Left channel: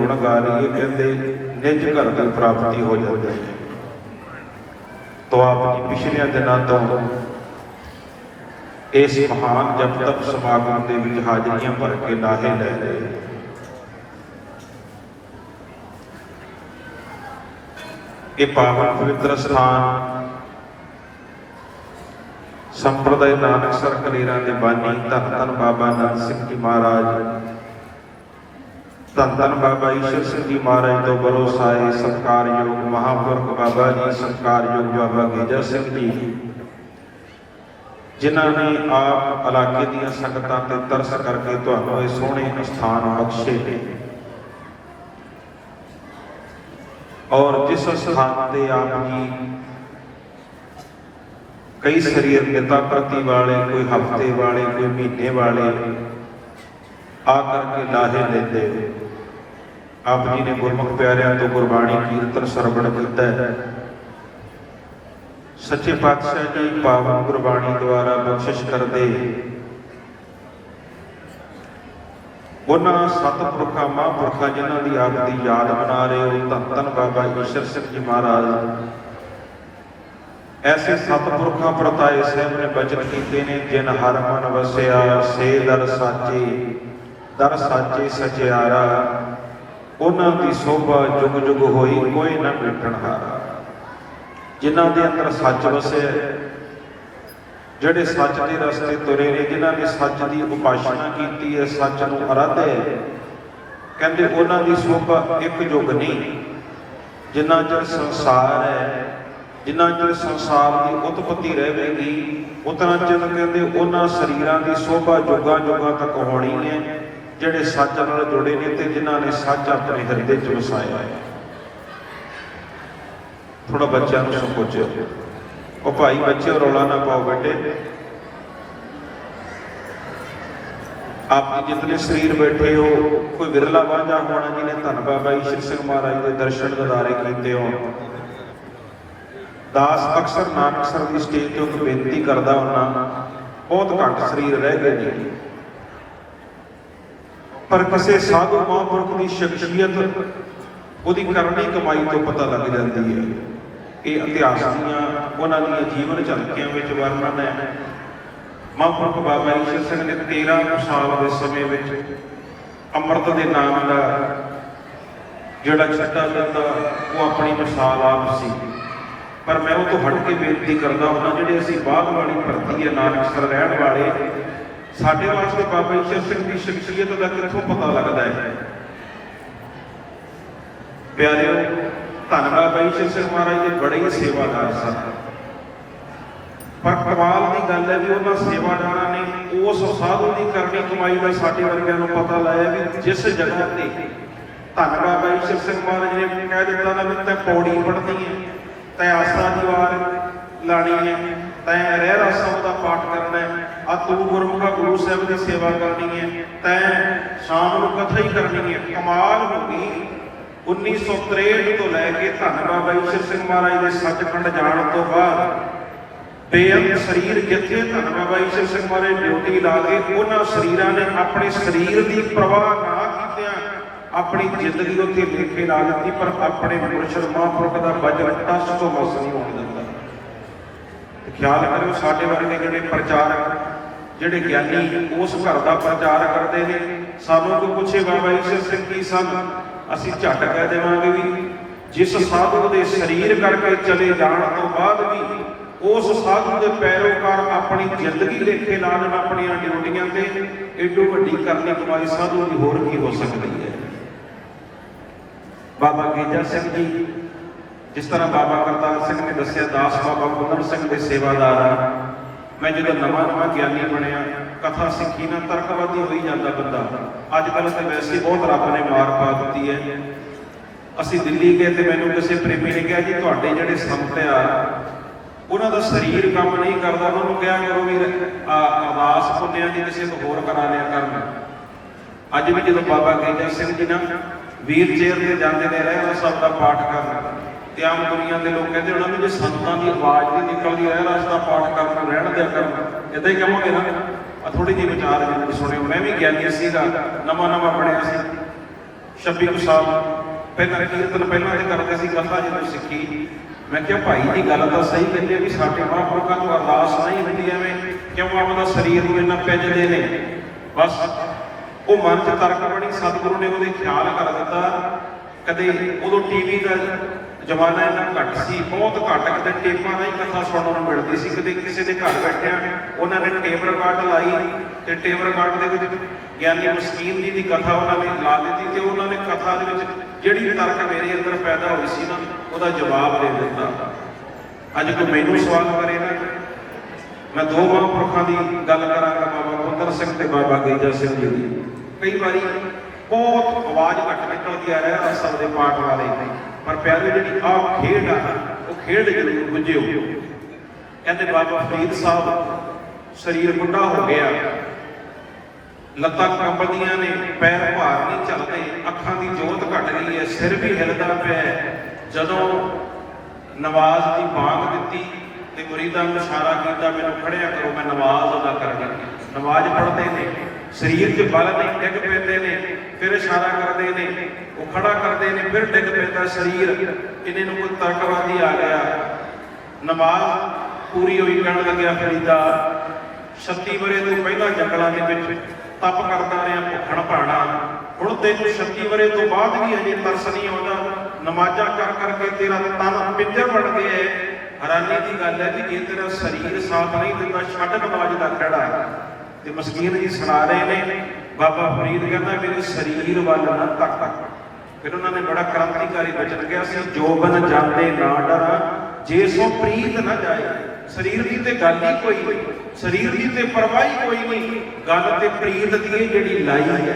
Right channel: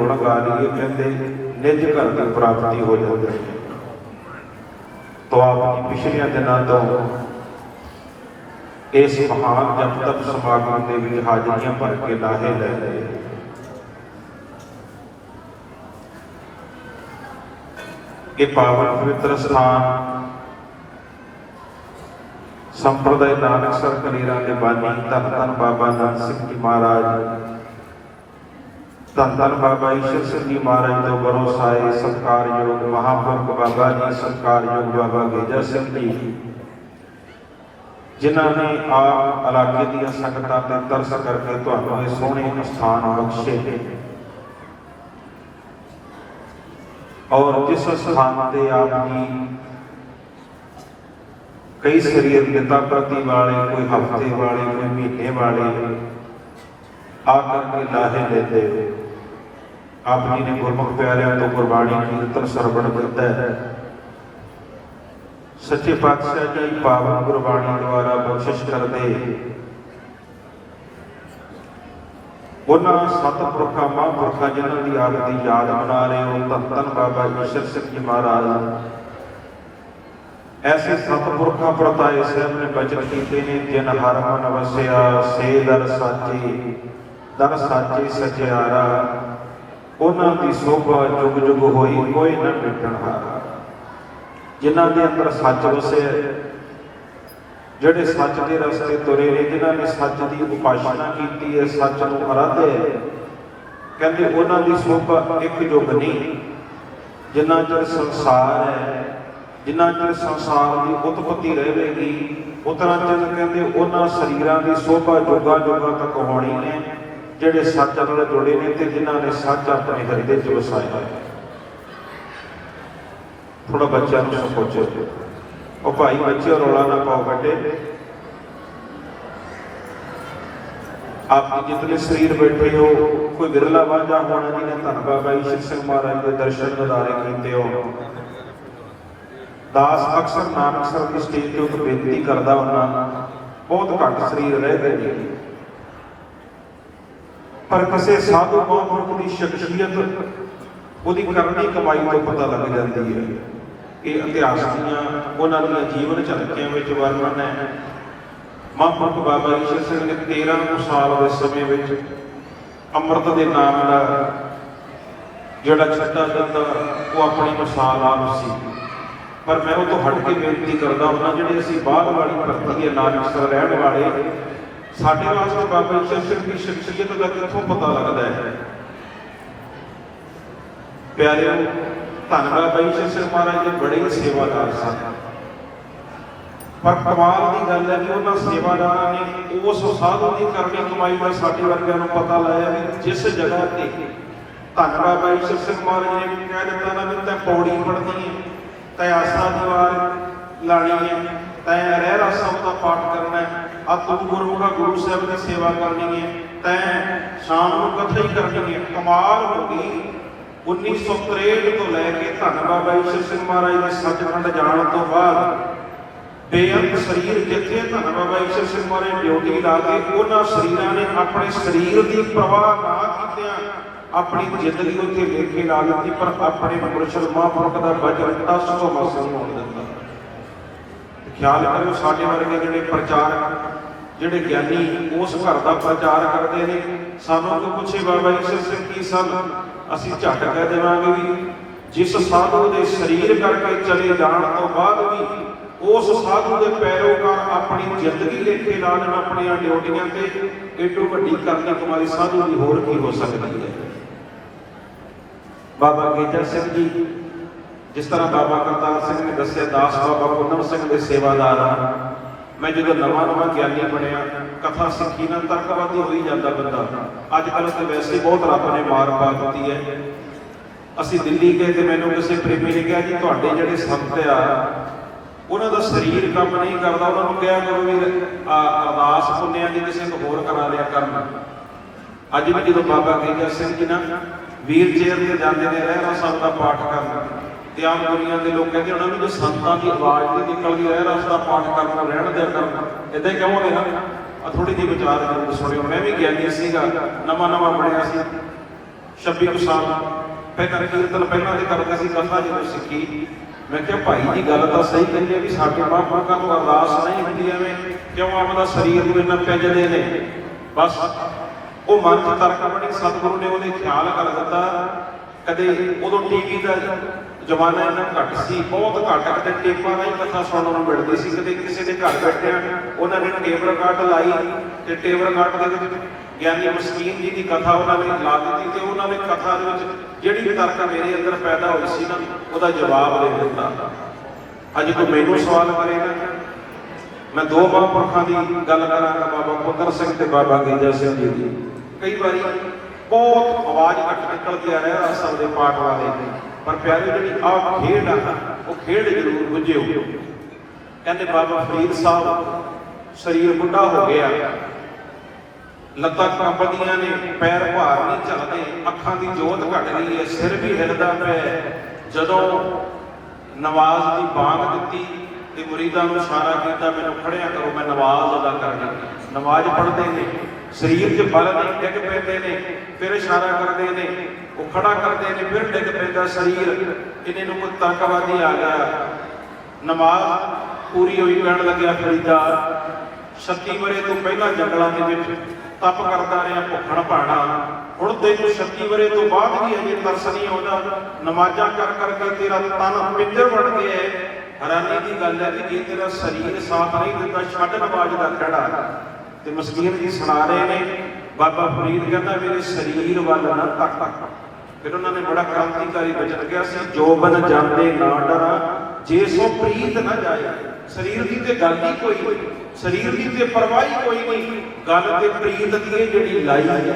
गुण गा रही है, कहते निज घर की प्राप्ति हो जाती है। तो आपकी पिछले दिनों तो इस महान जप तप समागम के भी हाजरियां भर के लाहे लै रहे। ये पावन पवित्र स्थान संप्रदाय नानकसर कलेरा के बानी धन धन बाबा नंद सिंह जी महाराज, धन धन बाबा ईश्वर सिंह जी महाराज तो भरोसाए सत्कारयोग महापुरख बाबा जी, सत्कारयोग बाबा गेजा सिंह जी, जिन्होंने आप इलाके दी संगतां ते तरस करके तुहानूं इह सोहणे स्थान बख्शे और जिस स्थान ते आप जी कई शरीर पिता प्रति वाले, कोई हफ्ते वाले, कोई महीने वाले आकर के लाहे लेते, आप जी ने गुरमुख प्यारिਆਂ तो गुरबाणी कीर्तन सरवण किया है। सच्चे पातशाह जी पावन गुरबाणी द्वारा बख्शिश कर दे उन्होंने सतपुरखा महापुरखा जिन्हों की आग की याद मना रहे हो, धन धन बाबा ईश्वर सिंह जी महाराज, ऐसे सतपुरखा परताए साहब ने बचन किए हैं, जिन हर मन वसिया से दर साचे सचियारा, उन्हों की शोभा जुग जुग होई कोई न मिटण हारा। जिन्हों के अंदर सच वसे, जिहड़े सच के रस्ते तुरे ने, जिन्हों ने सच की उपासना की है, सच को आराधे, कहते उन्हों की शोभा एक युग नहीं। जिन्ना चਿਰ संसार है, जिन्ना चਿਰ संसार की उत्पत्ति रहेगी, उतना चਿਰ कहते उन्होंने शरीरों की शोभा युगां युगां तक होनी है, जिहड़े सच नाल जुड़े ने ते जिन्हों ने सच अपने हृदय च वसाया है। थोड़ा बच्चों को सोचो, और भाई बच्चे रौला ना पाओ बेटे, आप जितने शरीर बैठे हो, कोई विरला वांझा होना जिन्हें धन बाबा ईश्वर सिंह महाराज के दर्शन नज़ारे किए हो। दास अक्सर नानकसर की स्टेज पर बेनती करता होना, बहुत घट शरीर रह गए नहीं, पर किसी साधु महापुरुष की शख्सियत उसकी करनी कमाई तो पता लग जाती है। कि इतिहास उन्होंने जीवन झलकियां में वर्णन है। महापुरख बाबा ईश्वर सिंह ने 13 साल के समय में अमृत के नाम का जोड़ा छड्डा जाता, वो अपनी मिसाल आप सी। पर मैं वो हट के बेनती करता हूँ, जी असी बाहर वाली धरती है नानकसर रहने वाले, साढ़े वास्ते बाबा ईश्वर सिंह की शख्सियत का कितों पता लगता है। प्यारे धन बाबा ईश्वर सिंह महाराज जी बड़े ही सेवादार सन, पर कमाल की गल है कि उन्होंने सेवादार ने उस साधु की करनी कमाई का साडे वर्गिਆਂ ਨੂੰ पता लाया भी जिस जगह पर धन बाबा ईश्वर सिंह महाराज ने कह दिता ना भी तैं पौड़ी पढ़नी है, तैं आसरा दीवार लानी है, तैं रहरास साहब का पाठ करना है, आ तू गुरमुखा गुरु साहब की सेवा करनी है, तैं शाम को कथा ही करनी है। कमाल हो गई। 1963 तो लैके धन बाबा ईश्वर सिंह महाराज के सचखंड जाने तो बाद बेअंत शरीर जिथे धन बाबा ईश्वर सिंह महाराज ड्यूटी ला के उन्होंने शरीरों ने अपने शरीर की परवाह ना की अपनी जिंदगी उत्थे लेखे ला दी, पर अपने मुर्शद महापुरख का वचन टस तो मस नहीं होने दिता। ख्याल करो साडे वर्गे जिहड़े प्रचारक जिहड़े ज्ञानी उस घर का प्रचार करते हैं, सानू कोई पूछे बाबा ईश्वर सिंह की सन, असीं झट कह देवांगे भी जिस साधु के शरीर करके चले जाने तो बाद भी उस साधु के पैरोकार अपनी जिंदगी लेखे ला लेन अपन ड्यूटियां से, एडो वड्डी करनी कमाई साधु की होर की हो सकती है। बाबा गेजा सिंह जी, जिस तरह बाबा करतार सिंह ने दसिया, दास बाबा कुंदन सिंह के सेवादार, मैं जो नवा नवा ज्ञानी बनया कथा सिखी ना तर्कवादी हो ही जाता बंदा। अजकल तो वैसे बहुत रब ने मार पा दी है। असी दिल्ली गए तो मैंने किसी प्रेमी ने कहा जी तुहाडे जिहड़े संत आ उन्हों का शरीर काम नहीं करता, उन्होंने कहा करो भी अरदास पुण्या की किसी को होर करा लिया करना। अज भी जो बाबा गेजा सिंह जी ना वीर चेयर से जाते हैं रहरास साहब का पाठ करना, त्याग दुनिया के लोग कहते उन्होंने जो संतां की आवाज़ नहीं निकलती रहरास का पाठ करना रहन दिया करना, इदा ही कहोगे ना। थोड़ी जी विचार सुनियो, मैं भी ज्ञानी सीगा, नवा नवा पढ़िया सी, 26 ਕੁ ਸਾਲ ਪਹਿਲਾਂ ਕੀਰਤਨ ਪਹਿਲਾਂ ਤੇ ਕਰਕੇ ਅਸੀਂ ਕਥਾ ਜਦੋਂ ਸਿੱਖੀ, ਮੈਂ ਕਿਹਾ ਭਾਈ ਦੀ ਗੱਲ ਤਾਂ ਸਹੀ ਕਹਿੰਦੇ ਵੀ ਸਾਡੇ ਮਹਾਂਪੁਰਖਾਂ ਨੂੰ ਅਰਦਾਸ ਨਹੀਂ ਹੁੰਦੀ ਐਵੇਂ, ਕਿਉਂ ਉਹਨਾਂ ਸਰੀਰ ਨੂੰ ਇੰਨਾ ਪੈਜਦੇ ਨੇ। ਬਸ ਉਹ ਮਨ 'ਚ ਤਰਕ ਬਣੀ, ਸਤਿਗੁਰੂ ਨੇ ਉਹਦੇ ਖਿਆਲ ਕਰ ਦਿੱਤਾ। ਕਦੇ ਉਦੋਂ ਟੀਵੀ ਦਾ ਜ਼ਮਾਨਾ ਇੰਨਾ ਘੱਟ ਸੀ, ਬਹੁਤ ਘੱਟ, ਕਦੇ ਟੇਪਾਂ ਦੀ ਕਥਾ ਸੁਣਨ ਨੂੰ ਮਿਲਦੀ ਸੀ। ਕਦੇ ਕਿਸੇ ਦੇ ਘਰ ਬੈਠਿਆਂ ਉਹਨਾਂ ਨੇ ਟੇਪ ਰਿਕਾਰਡ ਲਾਈ ਤੇ ਟੇਪ ਰਿਕਾਰਡ ਦੇ ਵਿੱਚ ਗਿਆਨੀ ਮਸਕੀਨ ਜੀ ਦੀ ਕਥਾ ਉਹਨਾਂ ਨੇ ਲਾ ਦਿੱਤੀ ਤੇ ਉਹਨਾਂ ਨੇ ਕਥਾ ਦੇ ਵਿੱਚ ਜਿਹੜੀ ਤਰਕ ਮੇਰੇ ਅੰਦਰ ਪੈਦਾ ਹੋਈ ਸੀ ਨਾ, ਉਹਦਾ ਜਵਾਬ ਦੇ ਦਿੱਤਾ। ਅੱਜ ਕੋਈ ਮੈਨੂੰ ਸਵਾਲ ਕਰੇ ਨਾ, ਮੈਂ ਦੋ ਮਹਾਂਪੁਰਖਾਂ ਦੀ ਗੱਲ ਕਰਾਂਗਾ, ਬਾਬਾ ਪੁੱਤਰ ਸਿੰਘ ਤੇ ਬਾਬਾ ਗਈਜਾ ਸਿੰਘ ਜੀ ਦੀ। ਕਈ ਵਾਰੀ ਬਹੁਤ ਆਵਾਜ਼ ਘੱਟ ਨਿਕਲਦੀ ਆ ਰਿਹਾ ਅਸਲ ਦੇ ਪਾਠ ਵਾਲੇ, ਪਰ ਪਿਆਰੇ ਜਿਹੜੀ ਆਹ ਖੇਡ ਆ ਉਹ ਖੇਡ ਜ਼ਰੂਰ ਬੁੱਝਿਓ। ਕਹਿੰਦੇ ਬਾਬਾ ਫਰੀਦ ਸਾਹਿਬ ਸਰੀਰ ਬੁੱਢਾ ਹੋ ਗਿਆ, ਲੱਤਾਂ ਕੰਬਦੀਆਂ ਨੇ, ਪੈਰ ਭਾਰ ਨਹੀਂ ਚੱਲਦੇ, ਅੱਖਾਂ ਦੀ ਜੋਤ ਘਟ ਗਈ ਹੈ, ਸਿਰ ਵੀ ਹਿਲਦਾ ਪਿਆ। ਜਦੋਂ ਨਵਾਜ਼ ਦੀ ਬਾਂਗ ਦਿੱਤੀ ਤੇ ਮੁਰੀਦਾਂ ਨੂੰ ਇਸ਼ਾਰਾ ਕੀਤਾ, ਮੈਨੂੰ ਖੜਿਆ ਕਰੋ, ਮੈਂ ਨਵਾਜ਼ ਅਦਾ ਕਰਨੀ। ਨਵਾਜ਼ ਪੜ੍ਹਦੇ ਨੇ, ਸਰੀਰ 'ਚ ਬਲ ਨਹੀਂ, ਡਿੱਗ ਪੈਂਦੇ ਨੇ, ਫਿਰ ਇਸ਼ਾਰਾ ਕਰਦੇ ਨੇ, ਉਹ ਖੜਾ ਕਰਦੇ ਨੇ, ਫਿਰ ਡਿੱਗ ਪੈਂਦਾ ਸਰੀਰ। ਇਹਨੇ ਨੂੰ ਕੋਈ ਤਰਕਵਾਦੀ ਆ ਗਿਆ, ਨਮਾਜ਼ ਪੂਰੀ ਹੋਈ, ਕਹਿਣ ਲੱਗਿਆ ਫਰੀਦਾ 36 ਵਰੇ ਤੋਂ ਪਹਿਲਾਂ ਜੰਗਲਾਂ ਦੇ ਵਿੱਚ ਤਪ ਕਰਦਾ ਰਿਹਾ, ਭੁੱਖਣ ਭਾਣਾ, ਹੁਣ ਤੈਨੂੰ 36 ਵਰੇ ਤੋਂ ਬਾਅਦ ਵੀ ਅਜੇ ਤਰਸ ਨਹੀਂ ਆਉਂਦਾ, ਨਮਾਜ਼ਾਂ ਕਰ ਕਰਕੇ ਤੇਰਾ ਤਨ ਪਿੱਤਰ ਬਣ ਗਿਆ ਹੈ। ਹੈਰਾਨੀ ਦੀ ਗੱਲ ਹੈ ਕਿ ਜੇ ਤੇਰਾ ਸਰੀਰ ਸਾਥ ਨਹੀਂ ਦਿੰਦਾ, ਛੱਡ ਨਮਾਜ਼ ਦਾ ਖੜਾ। ਤੇ ਮਸਕੀਨ ਜੀ ਸੁਣਾ ਰਹੇ ਨੇ, ਬਾਬਾ ਫਰੀਦ ਕਹਿੰਦਾ ਮੇਰੇ ਸਰੀਰ ਵੱਲ ਨਾ ਤੱਕ। ਫਿਰ ਉਹਨਾਂ ਨੇ ਬੜਾ ਕ੍ਰਾਂਤੀਕਾਰੀ ਬਚਨ ਕਿਹਾ ਸੀ, ਜੋਬਨ ਜਾਂਦੇ ਨਾ ਡਰਾਂ, ਜੇ ਸੋ ਪ੍ਰੀਤ ਨਾ ਜਾਏ। ਸਰੀਰ ਦੀ ਤੇ ਗੱਲ ਹੀ ਕੋਈ ਨਹੀਂ, ਸਰੀਰ ਦੀ ਤੇ ਪਰਵਾਹ ਹੀ ਕੋਈ ਨਹੀਂ, ਗੱਲ ਤੇ ਪ੍ਰੀਤ ਦੀ ਜਿਹੜੀ ਲਾਈ ਹੈ।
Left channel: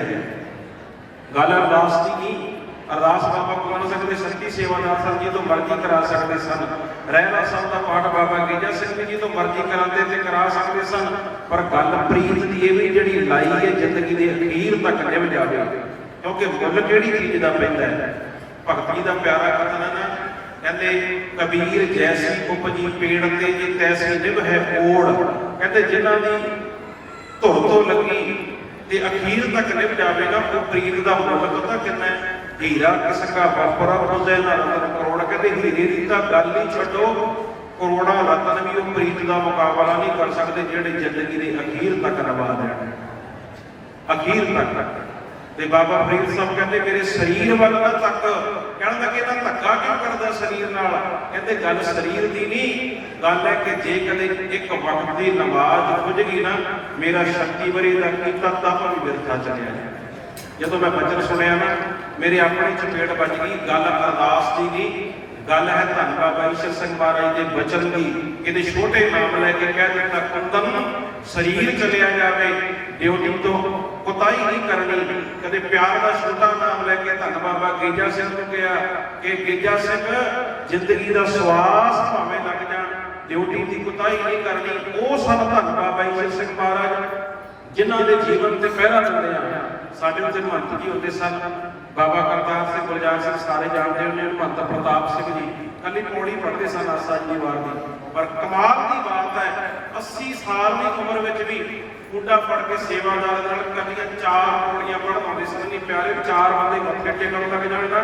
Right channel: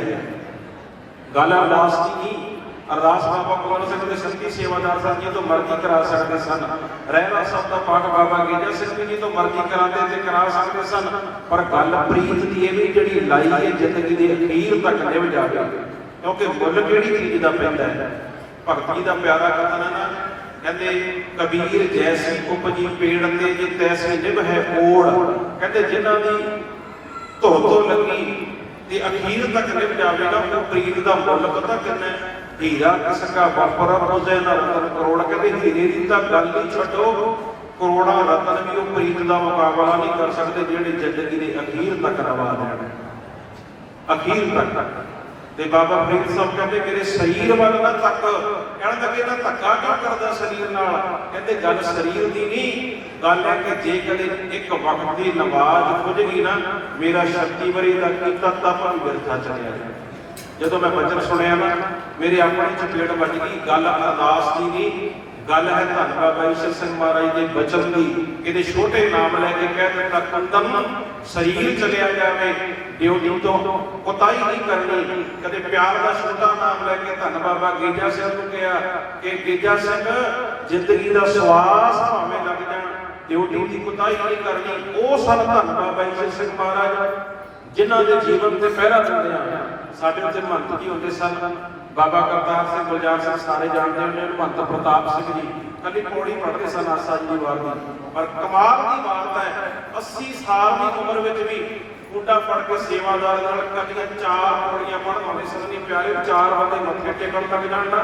ਗੱਲ ਅਰਦਾਸ ਦੀ ਨਹੀਂ, ਅਰਦਾਸ ਬਾਬਾ ਕੁਮਾਰ ਸਿੰਘ ਦੇ ਸੱਚੀ ਸੇਵਾਦਾਰ ਸਨ ਜੀ ਤੋਂ ਮਰਜ਼ੀ ਕਰਾ ਸਕਦੇ ਸਨ। ਰਹਿਣਾ ਸਾਹਿਬ ਦਾ ਪਾਠ ਬਾਬਾ ਗਈਜਾ ਸਿੰਘ ਜੀ ਤੋਂ ਮਰਜ਼ੀ ਕਰਾਉਂਦੇ ਤੇ ਕਰਾ ਸਕਦੇ ਸਨ, ਪਰ ਗੱਲ ਪ੍ਰੀਤ ਦੀ ਇਹ ਵੀ ਜਿਹੜੀ ਲਾਈ ਹੈ ਜ਼ਿੰਦਗੀ ਦੇ ਅਖੀਰ ਤੱਕ ਨਿਭ ਜਾਵੇ। ਕਿਉਂਕਿ ਮੁੱਲ ਕਿਹੜੀ ਚੀਜ਼ ਦਾ ਪੈਂਦਾ ਹੈ? ਭਗਤੀ ਦਾ ਪਿਆਰਾ ਕਥਨ ਹੈ ਨਾ, ਕਹਿੰਦੇ ਕਬੀਰ ਜੈਸੀ ਉਪਜੀ ਪੇੜ ਤੇ ਜੀ ਤੈਸੀ ਨਿਭ ਹੈ ਓੜ। ਕਹਿੰਦੇ ਜਿਨ੍ਹਾਂ ਦੀ ਧੋ ਲੱਗੀ ਤੇ ਅਖੀਰ ਤੱਕ ਨਿਭ ਜਾਵੇ ਨਾ, ਉਹ ਪ੍ਰੀਤ ਦਾ ਮੁੱਲ ਪਤਾ ਕਿੰਨਾ ਹੈ? ਹੀਰਾ ਕਿਸ ਕਾ ਵਰਪਰਾ ਪੁੱਜੇ ਨਾ ਕਰੋੜ। ਕਹਿੰਦੇ ਹੀਰੇ ਦੀ ਤਾਂ ਗੱਲ ਹੀ ਛੱਡੋ, ਕਰੋੜਾਂ ਰਤਨ ਵੀ ਉਹ ਪ੍ਰੀਤ ਦਾ ਮੁਕਾਬਲਾ ਨਹੀਂ ਕਰ ਸਕਦੇ ਜਿਹੜੇ ਜ਼ਿੰਦਗੀ ਦੇ ਅਖੀਰ ਤੱਕ ਨਿਭਾ ਦੇਣ, ਅਖੀਰ ਤੱਕ। ਤੇ ਬਾਬਾ ਫਰੀਦ ਸਾਹਿਬ ਕਹਿੰਦੇ ਮੇਰੇ ਸਰੀਰ ਵੱਲ ਨਾ ਤੱਕ। ਕਹਿਣ ਲੱਗੇ ਨਾ ਧੱਕਾ ਕਿਉਂ ਕਰਦਾ ਸਰੀਰ ਨਾਲ? ਕਹਿੰਦੇ ਗੱਲ ਸਰੀਰ ਦੀ ਨਹੀਂ, ਗੱਲ ਹੈ ਕਿ ਜੇ ਕਦੇ ਇੱਕ ਵਕਤ ਦੀ ਨਮਾਜ਼ ਖੁੱਝ ਗਈ ਨਾ, ਮੇਰਾ 36 ਵਰੇ ਦਾ ਕੀਤਾ ਤਪ ਵੀ ਬਿਰਥਾ ਚਲਿਆ ਜਾਏ। ਜਦੋਂ ਮੈਂ ਬਚਨ ਸੁਣਿਆ ਨਾ, ਮੇਰੇ ਆਪਣੀ ਚਪੇੜ ਵੱਜ ਗਈ। ਗੱਲ ਅਰਦਾਸ ਦੀ ਨਹੀਂ, ਗੱਲ ਹੈ ਧੰਨ ਬਾਬਾ ਈਸ਼ਰ ਸਿੰਘ ਮਹਾਰਾਜ ਦੇ ਬਚਨ ਦੀ। ਇਹਦੇ ਛੋਟੇ ਨਾਮ ਲੈ ਕੇ ਕਹਿ ਦਿੱਤਾ, ਕੁੰਦਮ ਸਰੀਰ ਚਲਿਆ ਜਾਵੇ, ਡਿਊਟੀ ਤੋਂ ਕੋਤਾਹੀ ਨਹੀਂ ਕਰਨੀ। ਕਦੇ ਪਿਆਰ ਦਾ ਛੋਟਾ ਨਾਮ ਲੈ ਕੇ ਧੰਨ ਬਾਬਾ ਗਈਜਾ ਸਿੰਘ ਨੂੰ ਕਿਹਾ ਕਿ ਗਈਜਾ ਸਿੰਘ ਜ਼ਿੰਦਗੀ ਦਾ ਸਵਾਸ ਭਾਵੇਂ ਲੱਗ ਜਾਣ, ਡਿਊਟੀ ਦੀ ਕੋਤਾਹੀ ਨਹੀਂ ਕਰਨੀ। ਉਹ ਸਨ ਧੰਨ ਬਾਬਾ ਈਸ਼ਰ ਸਿੰਘ ਮਹਾਰਾਜ ਜਿਨ੍ਹਾਂ ਦੇ ਜੀਵਨ ਤੇ ਪਹਿਰਾ ਦਿੰਦੇ ਆ। ਸਾਡੇ ਉੱਤੇ ਮਹੰਤ ਜੀ ਹੁੰਦੇ ਸਨ, ਬਾਬਾ ਕਰਤਾਰ ਸਿੰਘ, ਗੁਲਜ਼ਾਰ ਸਿੰਘ, ਸਾਰੇ ਜਾਣਦੇ ਹੋਣੇ, ਮਹੰਤ ਪ੍ਰਤਾਪ ਸਿੰਘ ਜੀ ਕੱਲੀ ਪੌੜੀ ਪੜ੍ਹਦੇ ਸਨ ਆਸਾ ਜੀ ਦੀ ਵਾਰ ਦੀ। ਪਰ ਕਮਾਲ ਦੀ ਬਾਤ ਹੈ, 80 ਸਾਲ ਦੀ ਉਮਰ ਵਿੱਚ ਵੀ ਮੁੰਡਾ ਫੜ ਕੇ ਸੇਵਾਦਾਰ ਨਾਲ ਕੱਲੀਆਂ 4 ਪੌੜੀਆਂ ਪੜ੍ਹਨ ਆਉਂਦੇ ਸਨ। ਨਹੀਂ ਪਿਆਰੇ, 4 ਬੰਦੇ ਮੱਥੇ ਟੇਕਣ ਲੱਗ ਜਾਣ ਨਾ,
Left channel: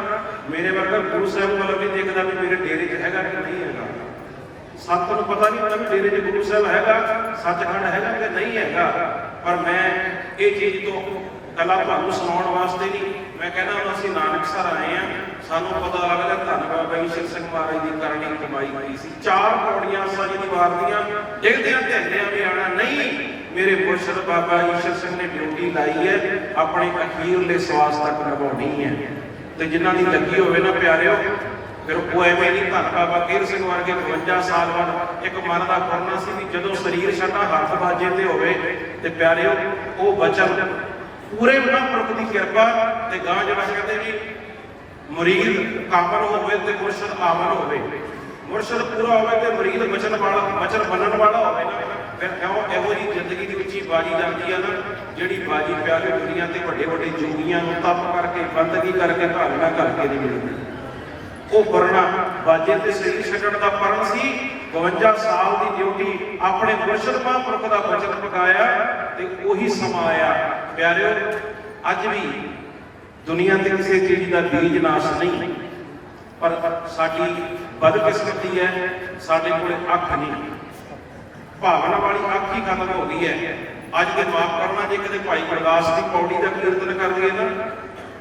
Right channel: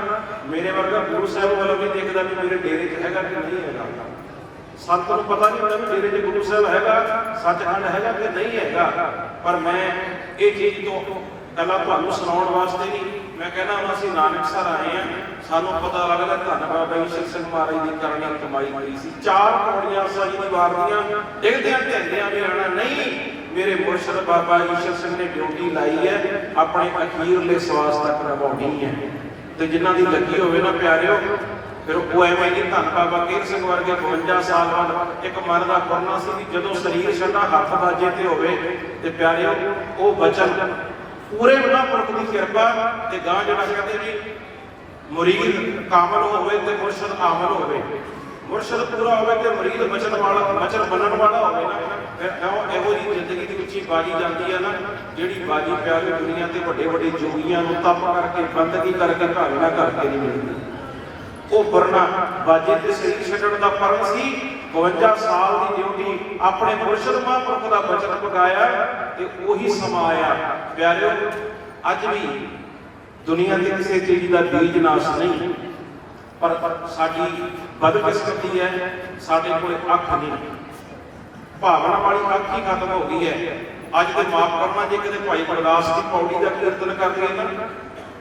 ਮੇਰੇ ਵਰਗਾ ਗੁਰੂ ਸਾਹਿਬ ਵੱਲ ਵੀ ਦੇਖਦਾ ਵੀ ਮੇਰੇ ਡੇਰੇ 'ਚ ਹੈਗਾ ਕਿ ਨਹੀਂ ਹੈਗਾ। ਸੱਤ ਨੂੰ ਪਤਾ ਨਹੀਂ ਹੁੰਦਾ ਵੀ ਡੇਰੇ 'ਚ ਗੁਰੂ ਸਾਹਿਬ ਹੈਗਾ, ਸੱਚਖੰਡ ਹੈਗਾ ਕਿ ਨਹੀਂ ਹੈਗਾ। ਪਰ ਮੈਂ ਇਹ ਚੀਜ਼ ਤੋਂ ਕੱਲਾ ਤੁਹਾਨੂੰ ਸੁਣਾਉਣ ਵਾਸਤੇ ਨਹੀਂ, ਮੈਂ ਕਹਿਣਾ ਹੁਣ ਅਸੀਂ ਨਾਨਕਸਰ ਆਏ ਹਾਂ, ਸਾਨੂੰ ਪਤਾ ਲੱਗਦਾ ਧੰਨ ਬਾਬਾ ਈਸ਼ਰ ਸਿੰਘ ਮਹਾਰਾਜ ਦੀ ਕਰਨੀ ਕਮਾਈ ਕਰੀ ਸੀ। 4 ਪੌੜੀਆਂ ਸਾਰੀ ਦੀ ਵਾਰ ਦੀਆਂ, ਡਿੱਗਦਿਆਂ ਢਹਿੰਦਿਆਂ ਵੀ ਆਉਣਾ ਨਹੀਂ। ਮੇਰੇ ਮੁਰਸ਼ਿਦ ਬਾਬਾ ਈਸ਼ਰ ਸਿੰਘ ਨੇ ਡਿਊਟੀ ਲਾਈ ਹੈ, ਆਪਣੇ ਅਖੀਰਲੇ ਸਵਾਸ ਤੱਕ ਨਿਭਾਉਣੀ ਹੈ। ਤੇ ਜਿਨ੍ਹਾਂ ਦੀ ਲੱਗੀ ਹੋਵੇ ਨਾ ਪਿਆਰਿਓ, ਫਿਰ ਉਹ ਐਵੇਂ ਨਹੀਂ। ਧੰਨ ਬਾਬਾ ਕੇਰ ਸਿੰਘ ਵਰਗੇ 52 ਸਾਲ ਬਾਅਦ ਇੱਕ ਮਨ ਦਾ ਕਰਨਾ ਸੀ ਵੀ ਜਦੋਂ ਸਰੀਰ ਸਾਡਾ ਹੱਥ ਬਾਜੇ ਤੇ ਹੋਵੇ ਤੇ ਪਿਆਰਿਓ ਉਹ ਬਚਨ ਪੂਰੇ ਮਹਾਂਪੁਰਖ ਦੀ ਕਿਰਪਾ ਤੇ ਗਾਂ ਜਿਹੜਾ ਕਹਿੰਦੇ ਵੀ ਮੁਰੀਦ ਕਾਮਲ ਹੋਵੇ ਤੇ ਮੁਰਸ਼ਿਦ ਆਮਲ ਹੋਵੇ। ਮੁਰਸ਼ਿਦ ਪੂਰਾ ਹੋਵੇ ਤੇ ਮੁਰੀਦ ਬਚਨ ਵਾਲਾ, ਬਚਨ ਮੰਨਣ ਵਾਲਾ ਹੋਵੇ ਨਾ, ਫਿਰ ਕਿਉਂ ਇਹੋ ਜਿਹੀ ਜ਼ਿੰਦਗੀ ਦੇ ਵਿੱਚ ਹੀ ਬਾਜੀ ਜਾਂਦੀ ਹੈ ਨਾ, ਜਿਹੜੀ ਬਾਜੀ ਪਿਆਰੀ ਦੁਨੀਆ ਤੇ ਵੱਡੇ ਵੱਡੇ ਜੋਗੀਆਂ ਨੂੰ ਤਪ ਕਰਕੇ, ਬੰਦਗੀ ਕਰਕੇ, ਭਾਵਨਾ ਕਰਕੇ ਨਹੀਂ ਮਿਲਦੀ। ਉਹ ਵਰਨਾ ਬਾਜੇ ਤੇ ਸਰੀਰ ਛੱਡਣ ਦਾ ਪਰਨ ਸੀ। 52 ਸਾਲ ਦੀ ਡਿਊਟੀ ਆਪਣੇ ਮੁਰਸ਼ਿਦ ਮਹਾਂਪੁਰਖ ਦਾ ਬਚਨ ਪਕਾਇਆ ਤੇ ਉਹੀ ਸਮਾਂ ਆਇਆ। ਪਿਆਰਿਓ ਅੱਜ ਵੀ ਦੁਨੀਆ ਤੇ ਕਿਸੇ ਚੀਜ਼ ਦਾ ਬੀਜ ਨਾਸ ਨਹੀਂ, ਪਰ ਸਾਡੀ ਬਦਕਿਸਮਤੀ ਹੈ, ਸਾਡੇ ਕੋਲ ਅੱਖ ਨਹੀਂ, ਭਾਵਨਾ ਵਾਲੀ ਅੱਖ ਹੀ ਖਤਮ ਹੋ ਗਈ ਹੈ। ਅੱਜ ਦੇ ਮਾਫ ਕਰਨਾ, ਜੇ ਕਦੇ ਭਾਈ ਗੁਰਦਾਸ ਦੀ ਪੌੜੀ ਦਾ ਕੀਰਤਨ ਕਰ ਲਈਏ ਨਾ,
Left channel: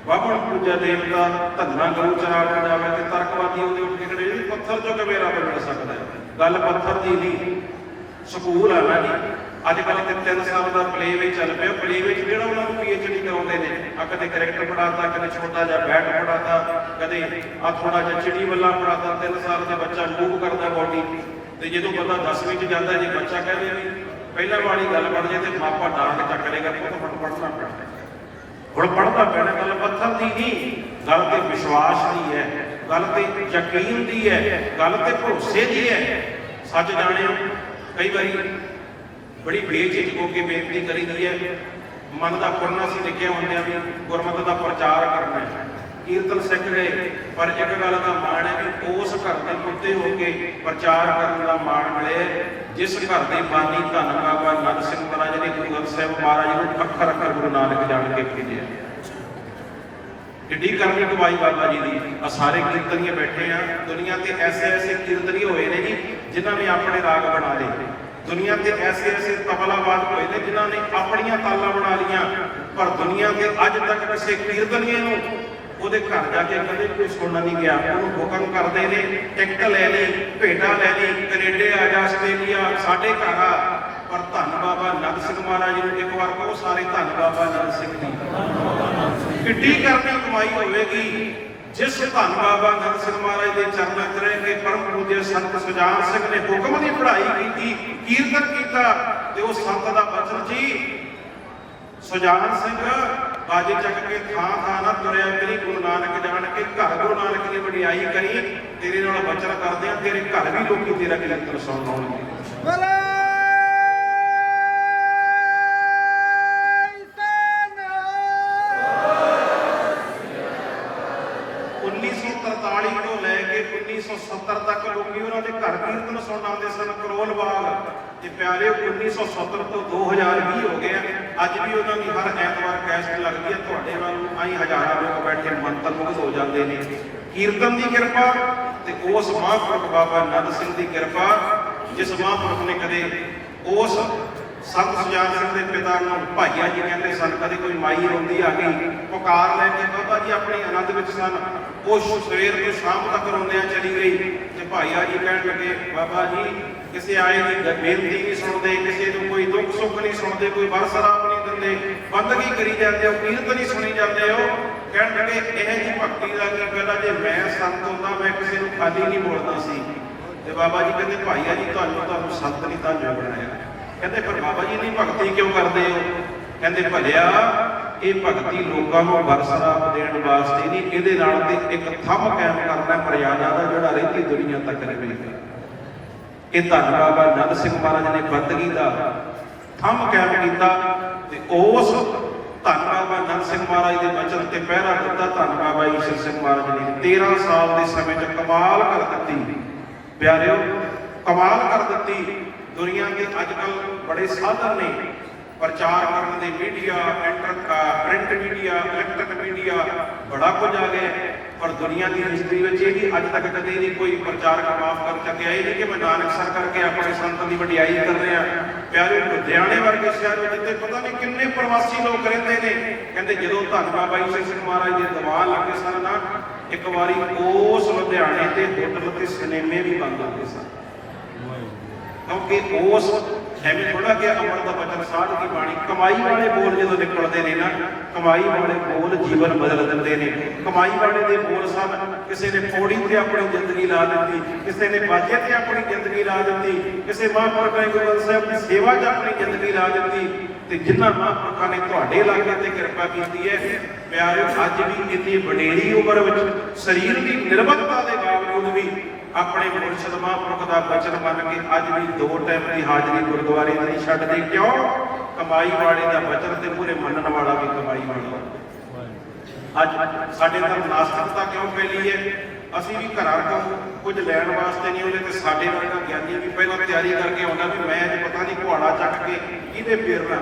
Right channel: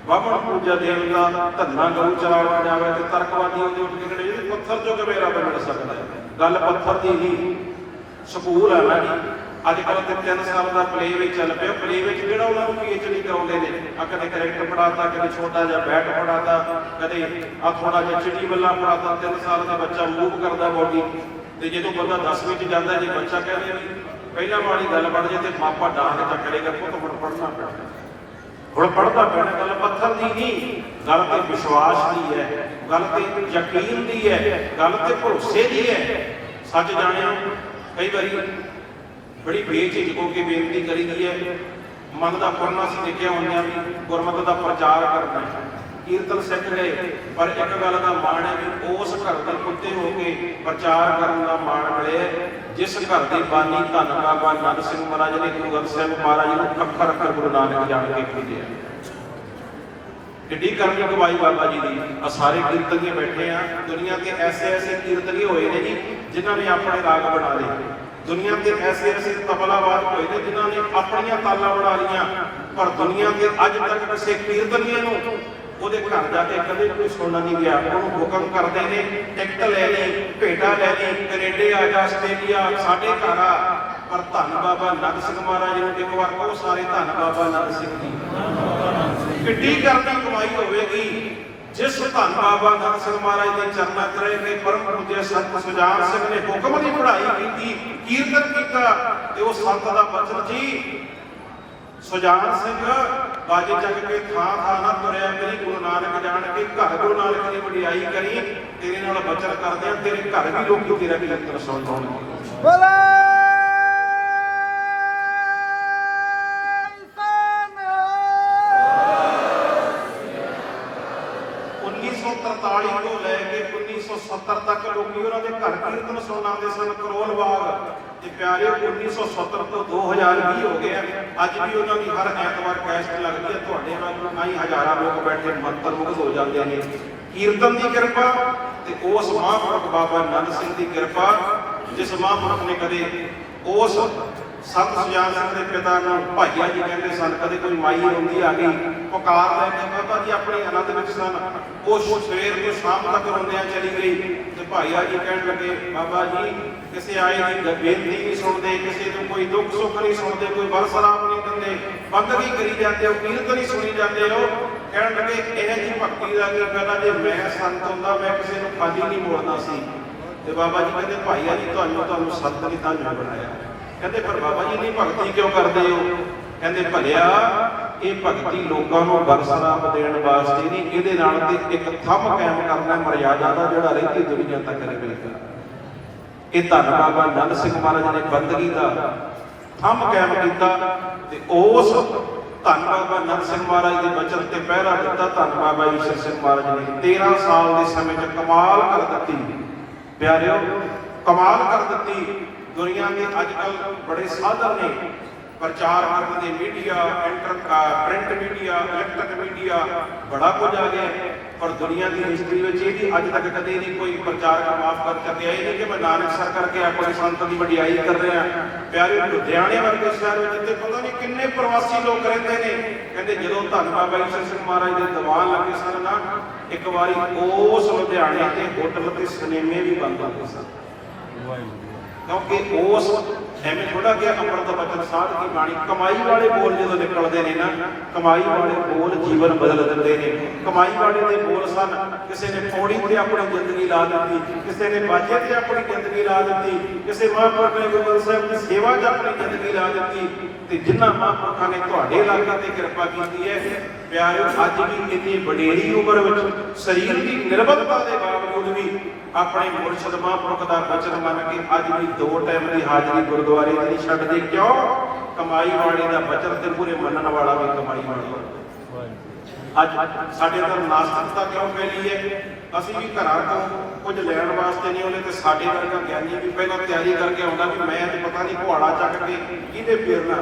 ਬਾਬਣ ਪੂਜਾ ਦੇਵਤਾ ਧੰਨਾ ਗਰੂ ਚਰਾਗ ਬਣਾਵੇ ਤੇ ਤਰਕਵਾਦੀ ਉਹਦੇ ਉੱਠ ਕੇ ਖੜੇ, ਇਹ ਪੱਥਰ ਚੋਂ ਕਿਵੇਂ ਰੱਬ ਮਿਲ ਸਕਦਾ ਹੈ? ਗੱਲ ਪੱਥਰ ਦੀ ਨਹੀਂ, ਸਕੂਲ ਆ ਨਾ ਜੀ। ਅੱਜ ਕੱਲ੍ਹ ਤੇ 3 ਸਾਲ ਦਾ ਪਲੇ ਵਿੱਚ ਚੱਲ ਪਿਆ, ਪਲੇ ਵਿੱਚ ਜਿਹੜਾ ਉਹਨਾਂ ਨੂੰ PhD ਕਰਾਉਂਦੇ ਨੇ, ਆ ਕਦੇ ਕਰੈਕਟਰ ਪੜਾਤਾ, ਕਦੇ ਛੋਟਾ ਜਿਹਾ ਬੈਟ ਪੜਾਤਾ, ਕਦੇ ਆ ਥੋੜਾ ਜਿਹਾ ਚਿੜੀ ਬੱਲਾ ਪੜਾਤਾ। 3 ਸਾਲ ਦਾ ਬੱਚਾ ਮੂਵ ਕਰਦਾ ਬੋਡੀ, ਤੇ ਜਦੋਂ ਬੰਦਾ 10ਵੀਂ 'ਚ ਜਾਂਦਾ, ਜੇ ਬੱਚਾ ਕਹਿੰਦੇ ਵੀ ਪਹਿਲਾਂ ਵਾਲੀ ਗੱਲ ਪੜ ਜੇ ਤੇ ਮਾਪਾ ਡਾਹ ਕੇ ਚੱਕਰੇਗਾ, ਉਹ ਤਾਂ ਪੜ੍ਹਨਾ ਪੈਣਾ, ਹੁਣ ਪੜ੍ਹਨਾ ਪੈਣਾ। ਗੱਲ ਪੱਥਰ ਦੀ ਨਹੀਂ, ਗੱਲ ਤੇ ਵਿਸ਼ਵਾਸ ਦੀ ਹੈ, ਗੱਲ ਤੇ ਯਕੀਨ ਦੀ ਹੈ, ਗੱਲ ਤੇ ਭਰੋਸੇ ਦੀ ਹੈ। ਸੱਚ ਜਾਣਿਓ, ਕਈ ਵਾਰੀ ਬੜੀ ਬੇਝਿਜਕ ਹੋ ਕੇ ਬੇਨਤੀ ਕਰੀਦੀ ਹੈ, ਮਨ ਦਾ ਪੁਰਨਾ ਅਸੀਂ ਲਿਖੇ ਹੁੰਦੇ ਆ ਵੀ ਗੁਰਮਤਿ ਦਾ ਪ੍ਰਚਾਰ ਕਰਨਾ ਹੈ, ਕੀਰਤਨ ਸਿੱਖ ਗਏ, ਪਰ ਇੱਕ ਗੱਲ ਦਾ ਮਾਣ ਹੈ ਵੀ ਉਸ ਘਰ ਦੇ ਪੁੱਤੇ ਹੋ ਕੇ ਪ੍ਰਚਾਰ ਕਰਨ ਦਾ ਮਾਣ ਮਿਲੇ ਜਿਸ ਘਰ ਦੇ ਬਾਨੀ ਧੰਨ ਬਾਬਾ ਨੰਦ ਸਿੰਘ ਮਹਾਰਾਜ ਨੇ ਗੁਰੂ ਗ੍ਰੰਥ ਸਾਹਿਬ ਮਹਾਰਾਜ ਨੂੰ ਅੱਖਰ ਅੱਖਰ ਗੁਰੂ ਨਾਨਕ ਜਾਣ ਕੇ ਭੇਜਿਆ। ਕਿੱਡੀ ਕਰਨੀ ਕਮਾਈ ਬਾਬਾ ਜੀ ਦੀ। ਆ ਸਾਰੇ ਕੀਰਤਨੀਏ ਬੈਠੇ ਆ, ਦੁਨੀਆ ਤੇ ਐਸੇ ਐਸੇ ਕੀਰਤਨੀ ਹੋਏ ਨੇ ਜੀ ਜਿਨ੍ਹਾਂ ਨੇ ਆਪਣੇ ਰਾਗ ਬਣਾ ਲਏ, ਦੁਨੀਆ ਤੇ ਐਸੇ ਐਸੇ ਤਬਲਾਵਾਦ ਹੋਏ ਨੇ ਜਿਨ੍ਹਾਂ ਨੇ ਆਪਣੀਆਂ ਤਾਲਾਂ ਬਣਾ ਲਈਆਂ, ਪਰ ਦੁਨੀਆ ਤੇ ਅੱਜ ਤੱਕ ਕਿਸੇ ਕੀਰਤਨੀਏ ਨੂੰ ਉਹਦੇ ਘਰ ਜਾ ਕੇ ਕਦੇ ਕੋਈ ਸੁਣਨਾ ਨਹੀਂ ਗਿਆ। ਉਹਨੂੰ ਹੁਕਮ ਕਰਦੇ ਨੇ, ਟਿਕਟ ਲੈ ਲਈ, ਭੇਟਾ ਲੈ ਲਈ, ਕੈਨੇਡਾ ਆ ਜਾ, ਆਸਟ੍ਰੇਲੀਆ, ਸਾਡੇ ਘਰ ਆ, ਪਰ ਧੰਨ ਬਾਬਾ ਨੰਦ ਸਿੰਘ ਮਹਾਰਾਜ ਨੂੰ ਇੱਕ ਵਾਰ ਕਹੋ, ਸਾਰੇ ਧੰਨ ਬਾਬਾ ਨੰਦ ਸਿੰਘ ਜੀ। ਕਿੱਡੀ ਕਰਨੀ ਕਮਾਈ ਹੋਵੇਗੀ ਜਿਸ ਧੰਨ ਬਾਬਾ ਨੰਦ ਸਿੰਘ ਮਹਾਰਾਜ ਦੇ ਚਰਨਾਂ 'ਚ ਰਹਿ ਕੇ ਪਰਮ ਪੂਜਯ ਸੰਤ ਸੁਜਾਨ ਸਿੰਘ ਨੇ ਹੁਕਮ ਦੀ ਪੜ੍ਹਾਈ ਕੀਤੀ, ਕੀਰਤਨ ਕੀਤਾ, ਤੇ ਉਹ ਸੰਤ ਦਾ ਬਚਨ ਜੀ, ਸੁਜਾਨ ਸਿੰਘ ਬਾਜੇ ਚੱਕ ਕੇ ਥਾਂ ਥਾਂ ਨਾ ਤੁਰਿਆ ਕਰੀ, ਗੁਰੂ ਨਾਨਕ ਜਾਣ ਕੇ ਘਰ ਗੁਰੂ ਨਾਨਕ ਦੀ ਵਡਿਆਈ ਕਰੀ, ਤੇਰੇ ਨਾਲ ਬਚਨ ਕਰਦੇ ਆ, ਤੇਰੇ ਘਰ ਵੀ ਲੋਕੀ ਤੇਰਾ ਕੀਰਤਨ ਸੁਣਨਗੇ। 1943 ਤੋਂ ਲੈ ਕੇ 1970 ਤੱਕ ਲੋਕੀ ਉਹਨਾਂ ਦੇ ਘਰ ਕੀਰਤਨ ਸੁਣਨ ਆਉਂਦੇ ਸਨ, ਕਰੋਲ ਬਾਗ ਤੇ ਪਿਆਰੇ। 1970 ਤੋਂ 2020 ਹੋ ਗਿਆ, ਅੱਜ ਵੀ ਉਹਨਾਂ ਦੀ ਹਰ ਐਤਵਾਰ ਕੈਸਟ ਲੱਗਦੀ ਹੈ। ਤੁਹਾਡੇ ਵਾਂਗੂ ਆਈ ਹਜ਼ਾਰਾਂ ਲੋਕ ਬੈਠੇ ਮੰਤਰ ਮੁਗਧ ਹੋ ਜਾਂਦੇ ਨੇ। ਕੀਰਤਨ ਦੀ ਕਿਰਪਾ ਤੇ ਉਸ ਮਹਾਂਪੁਰਖ ਬਾਬਾ ਨੰਦ ਸਿੰਘ ਦੀ ਕਿਰਪਾ, ਜਿਸ ਮਹਾਂਪੁਰਖ ਨੇ ਕਦੇ ਉਸ ਸੰਤ ਸੁਜਾਨ ਸਿੰਘ ਦੇ ਪਿਤਾ ਨੂੰ ਭਾਈਆ ਜੀ ਕਹਿੰਦੇ ਸਨ, ਕਦੇ ਕੋਈ ਮਾਈ ਰੋਂਦੀ ਆ ਗਈ ਪੁਕਾਰ ਲੈ ਕੇ, ਬਾਬਾ ਜੀ ਆਪਣੇ ਆਨੰਦ ਵਿੱਚ ਸਨ, ਉਹ ਸਵੇਰ ਤੋਂ ਸ਼ਾਮ ਤੱਕ ਰੋਂਦਿਆਂ ਚਲੀ ਗਈ, ਤੇ ਭਾਈਆ ਜੀ ਕਹਿਣ ਲੱਗੇ, ਬਾਬਾ ਜੀ ਕਿਸੇ ਆਏ ਦੀ ਬੇਨਤੀ ਨਹੀਂ ਸੁਣਦੇ, ਕਿਸੇ ਨੂੰ ਕੋਈ ਦੁੱਖ ਸੁੱਖ ਨਹੀਂ ਸੁਣਦੇ, ਕੋਈ ਬਰਸਰਾਪ ਨਹੀਂ ਦਿੰਦੇ, ਬੰਦਗੀ ਕਰੀ ਜਾਂਦੇ ਹੋ, ਕੀਰਤਨ ਨਹੀਂ ਸੁਣੀ ਜਾਂਦੇ ਹੋ। ਕਹਿਣ ਲੱਗੇ ਇਹ ਜੀ ਭਗਤੀ ਦਾ ਕੀ ਫਾਇਦਾ, ਜੇ ਮੈਂ ਸੰਤ ਹੁੰਦਾ ਮੈਂ ਕਿਸੇ ਨੂੰ ਖਾਲੀ ਨਹੀਂ ਮੋੜਦਾ ਸੀ। ਤੇ ਬਾਬਾ ਜੀ ਕਹਿੰਦੇ, ਭਾਈਆ ਜੀ ਤੁਹਾਨੂੰ ਸੰਤ ਨਹੀਂ ਤਾਂ ਮੈਂ ਬਣਾਇਆ। ਕਹਿੰਦੇ ਪਰ ਬਾਬਾ ਜੀ ਨਹੀਂ ਭਗਤੀ ਕਿਉਂ ਕਰਦੇ ਹੋ? ਕਹਿੰਦੇ ਭਲਿਆ ਇਹ ਭਗਤੀ ਲੋਕਾਂ ਨੂੰ ਬਖਸ਼ਰਾਪ ਦੇਣ ਵਾਸਤੇ ਨਹੀਂ, ਇਹਦੇ ਨਾਲ ਤੇ ਇੱਕ ਥੰਮ ਕਾਇਮ ਕਰਨਾ ਮਰਿਆਦਾ ਦਾ, ਜਿਹੜਾ ਰਹਿੰਦੀ ਦੁਨੀਆ ਤੱਕ ਰਹੇਗਾ। ਇਹ ਧੰਨ ਬਾਬਾ ਨੰਦ ਸਿੰਘ ਮਹਾਰਾਜ ਨੇ ਬੰਦਗੀ ਦਾ ਥੰਮ ਕਾਇਮ ਕੀਤਾ, ਤੇ ਉਸ ਧੰਨ ਬਾਬਾ ਨੰਦ ਸਿੰਘ ਮਹਾਰਾਜ ਦੇ ਬਚਨ ਤੇ ਪਹਿਰਾ ਦਿੱਤਾ। ਧੰਨ ਬਾਬਾ ਈਸ਼ਰ ਸਿੰਘ ਮਹਾਰਾਜ ਨੇ 13 ਸਾਲ ਦੇ ਸਮੇਂ 'ਚ ਕਮਾਲ ਕਰ ਦਿੱਤੀ ਪਿਆਰਿਓ, ਕਮਾਲ ਕਰ ਦਿੱਤੀ। ਦੁਨੀਆ ਦੇ ਅੱਜ ਕੱਲ੍ਹ ਬੜੇ ਸਾਧਨ ਨੇ ਪ੍ਰਚਾਰ ਕਰਨ ਦੇ, media, print media, electric media, ਬੜਾ ਕੁਝ ਆ ਗਿਆ, ਪਰ ਦੁਨੀਆ ਦੀ ਹਿਸਟਰੀ ਵਿੱਚ ਇਹ ਵੀ ਅੱਜ ਤੱਕ ਕਦੇ ਨਹੀਂ ਕੋਈ ਪ੍ਰਚਾਰਕ ਮਾਫ ਕਰ ਸਕਿਆ। ਇਹ ਨਹੀਂ ਕਿ ਮੈਂ ਨਾਨਕਸਰ ਕਰਕੇ ਆਪਣੇ ਸੰਤ ਦੀ ਵਡਿਆਈ ਕਰ ਰਿਹਾ। ਪਿਆਰੇ ਲੁਧਿਆਣੇ ਵਰਗੇ ਸ਼ਹਿਰ ਵਿੱਚ ਤੇ ਪਤਾ ਨਹੀਂ ਕਿੰਨੇ ਪ੍ਰਵਾਸੀ ਲੋਕ ਰਹਿੰਦੇ ਨੇ। ਕਹਿੰਦੇ ਜਦੋਂ ਧੰਨ ਬਾਬਾ ਈਸ਼ਰ ਸਿੰਘ ਮਹਾਰਾਜ ਦੇ ਦੀਵਾਨ ਲੱਗੇ ਸਨ ਨਾ, ਇੱਕ ਵਾਰੀ ਉਸ ਲੁਧਿਆਣੇ ਤੇ ਹੋਟਲ ਤੇ ਸਿਨੇਮੇ ਵੀ ਬੰਦ ਹੋ ਗਏ ਸਨ, ਕਿਉਂਕਿ ਉਸ ਐਵੇਂ ਥੋੜਾ ਕਿ ਅੰਮ੍ਰਿਤ ਦਾ ਬਚਨ ਸਾਧ ਦੀ ਬਾਣੀ, ਕਮਾਈ ਵਾਲੇ ਬੋਲ ਜਦੋਂ ਨਿਕਲਦੇ ਨੇ ਨਾ, ਕਮਾਈ ਵਾਲੇ ਬੋਲ ਜੀਵਨ ਬਦਲ ਦਿੰਦੇ ਨੇ। ਕਮਾਈ ਵਾਲੇ ਦੇ ਬੋਲ ਸਨ, ਕਿਸੇ ਨੇ ਪੌੜੀ ਤੇ ਆਪਣੀ ਜ਼ਿੰਦਗੀ ਲਾ ਦਿੱਤੀ, ਕਿਸੇ ਨੇ ਬਾਜੇ ਤੇ ਆਪਣੀ ਜ਼ਿੰਦਗੀ ਲਾ ਦਿੱਤੀ, ਕਿਸੇ ਮਹਾਂਪੁਰਖ ਨੇ ਗੁਰੂ ਗ੍ਰੰਥ ਸਾਹਿਬ ਦੀ ਸੇਵਾ 'ਚ ਆਪਣੀ ਜ਼ਿੰਦਗੀ ਲਾ ਦਿੱਤੀ। ਤੇ ਜਿਨ੍ਹਾਂ ਮਹਾਂਪੁਰਖਾਂ ਨੇ ਤੁਹਾਡੇ ਇਲਾਕੇ ਤੇ ਕਿਰਪਾ ਕੀਤੀ ਹੈ ਪਿਆਰਿਓ, ਅੱਜ ਵੀ ਇੰਨੀ ਵਡੇਰੀ ਉਮਰ ਵਿੱਚ ਸਰੀਰ ਦੀ ਨਿਰਬਲਤਾ ਦੇ ਬਾਵਜੂਦ ਵੀ ਆਪਣੇ ਮੁਰਸ਼ਿਦ ਮਹਾਂਪੁਰਖ ਦਾ ਬਚਨ ਮੰਨ ਕੇ ਅੱਜ ਵੀ 2 ਟਾਈਮ ਦੀ ਹਾਜ਼ਰੀ ਗੁਰਦੁਆਰੇ ਦੀ ਨਹੀਂ ਛੱਡਦੇ। ਕਿਉਂ? ਕਮਾਈ ਵਾਲੇ ਦਾ ਬਚਨ ਤੇ ਪੂਰੇ ਮੰਨਣ ਵਾਲਾ ਵੀ ਕਮਾਈ ਵਾਲਾ। ਅੱਜ ਸਾਡੇ ਤਾਂ ਨਾਸਤਿਕਤਾ ਕਿਉਂ ਫੈਲੀ ਹੈ? ਅਸੀਂ ਵੀ ਘਰਾਂ ਤੋਂ ਕੁਝ ਲੈਣ ਵਾਸਤੇ ਨਹੀਂ ਆਉਂਦੇ, ਤੇ ਸਾਡੇ ਵਰਗਾ ਗਿਆਨੀ ਵੀ ਪਹਿਲਾਂ ਤਿਆਰੀ ਕਰਕੇ ਆਉਂਦਾ ਵੀ ਮੈਂ ਅੱਜ ਪਤਾ ਨਹੀਂ ਕੁਹਾੜਾ ਚੱਕ ਕੇ ਕਿਹਦੇ ਫੇਰਨਾ।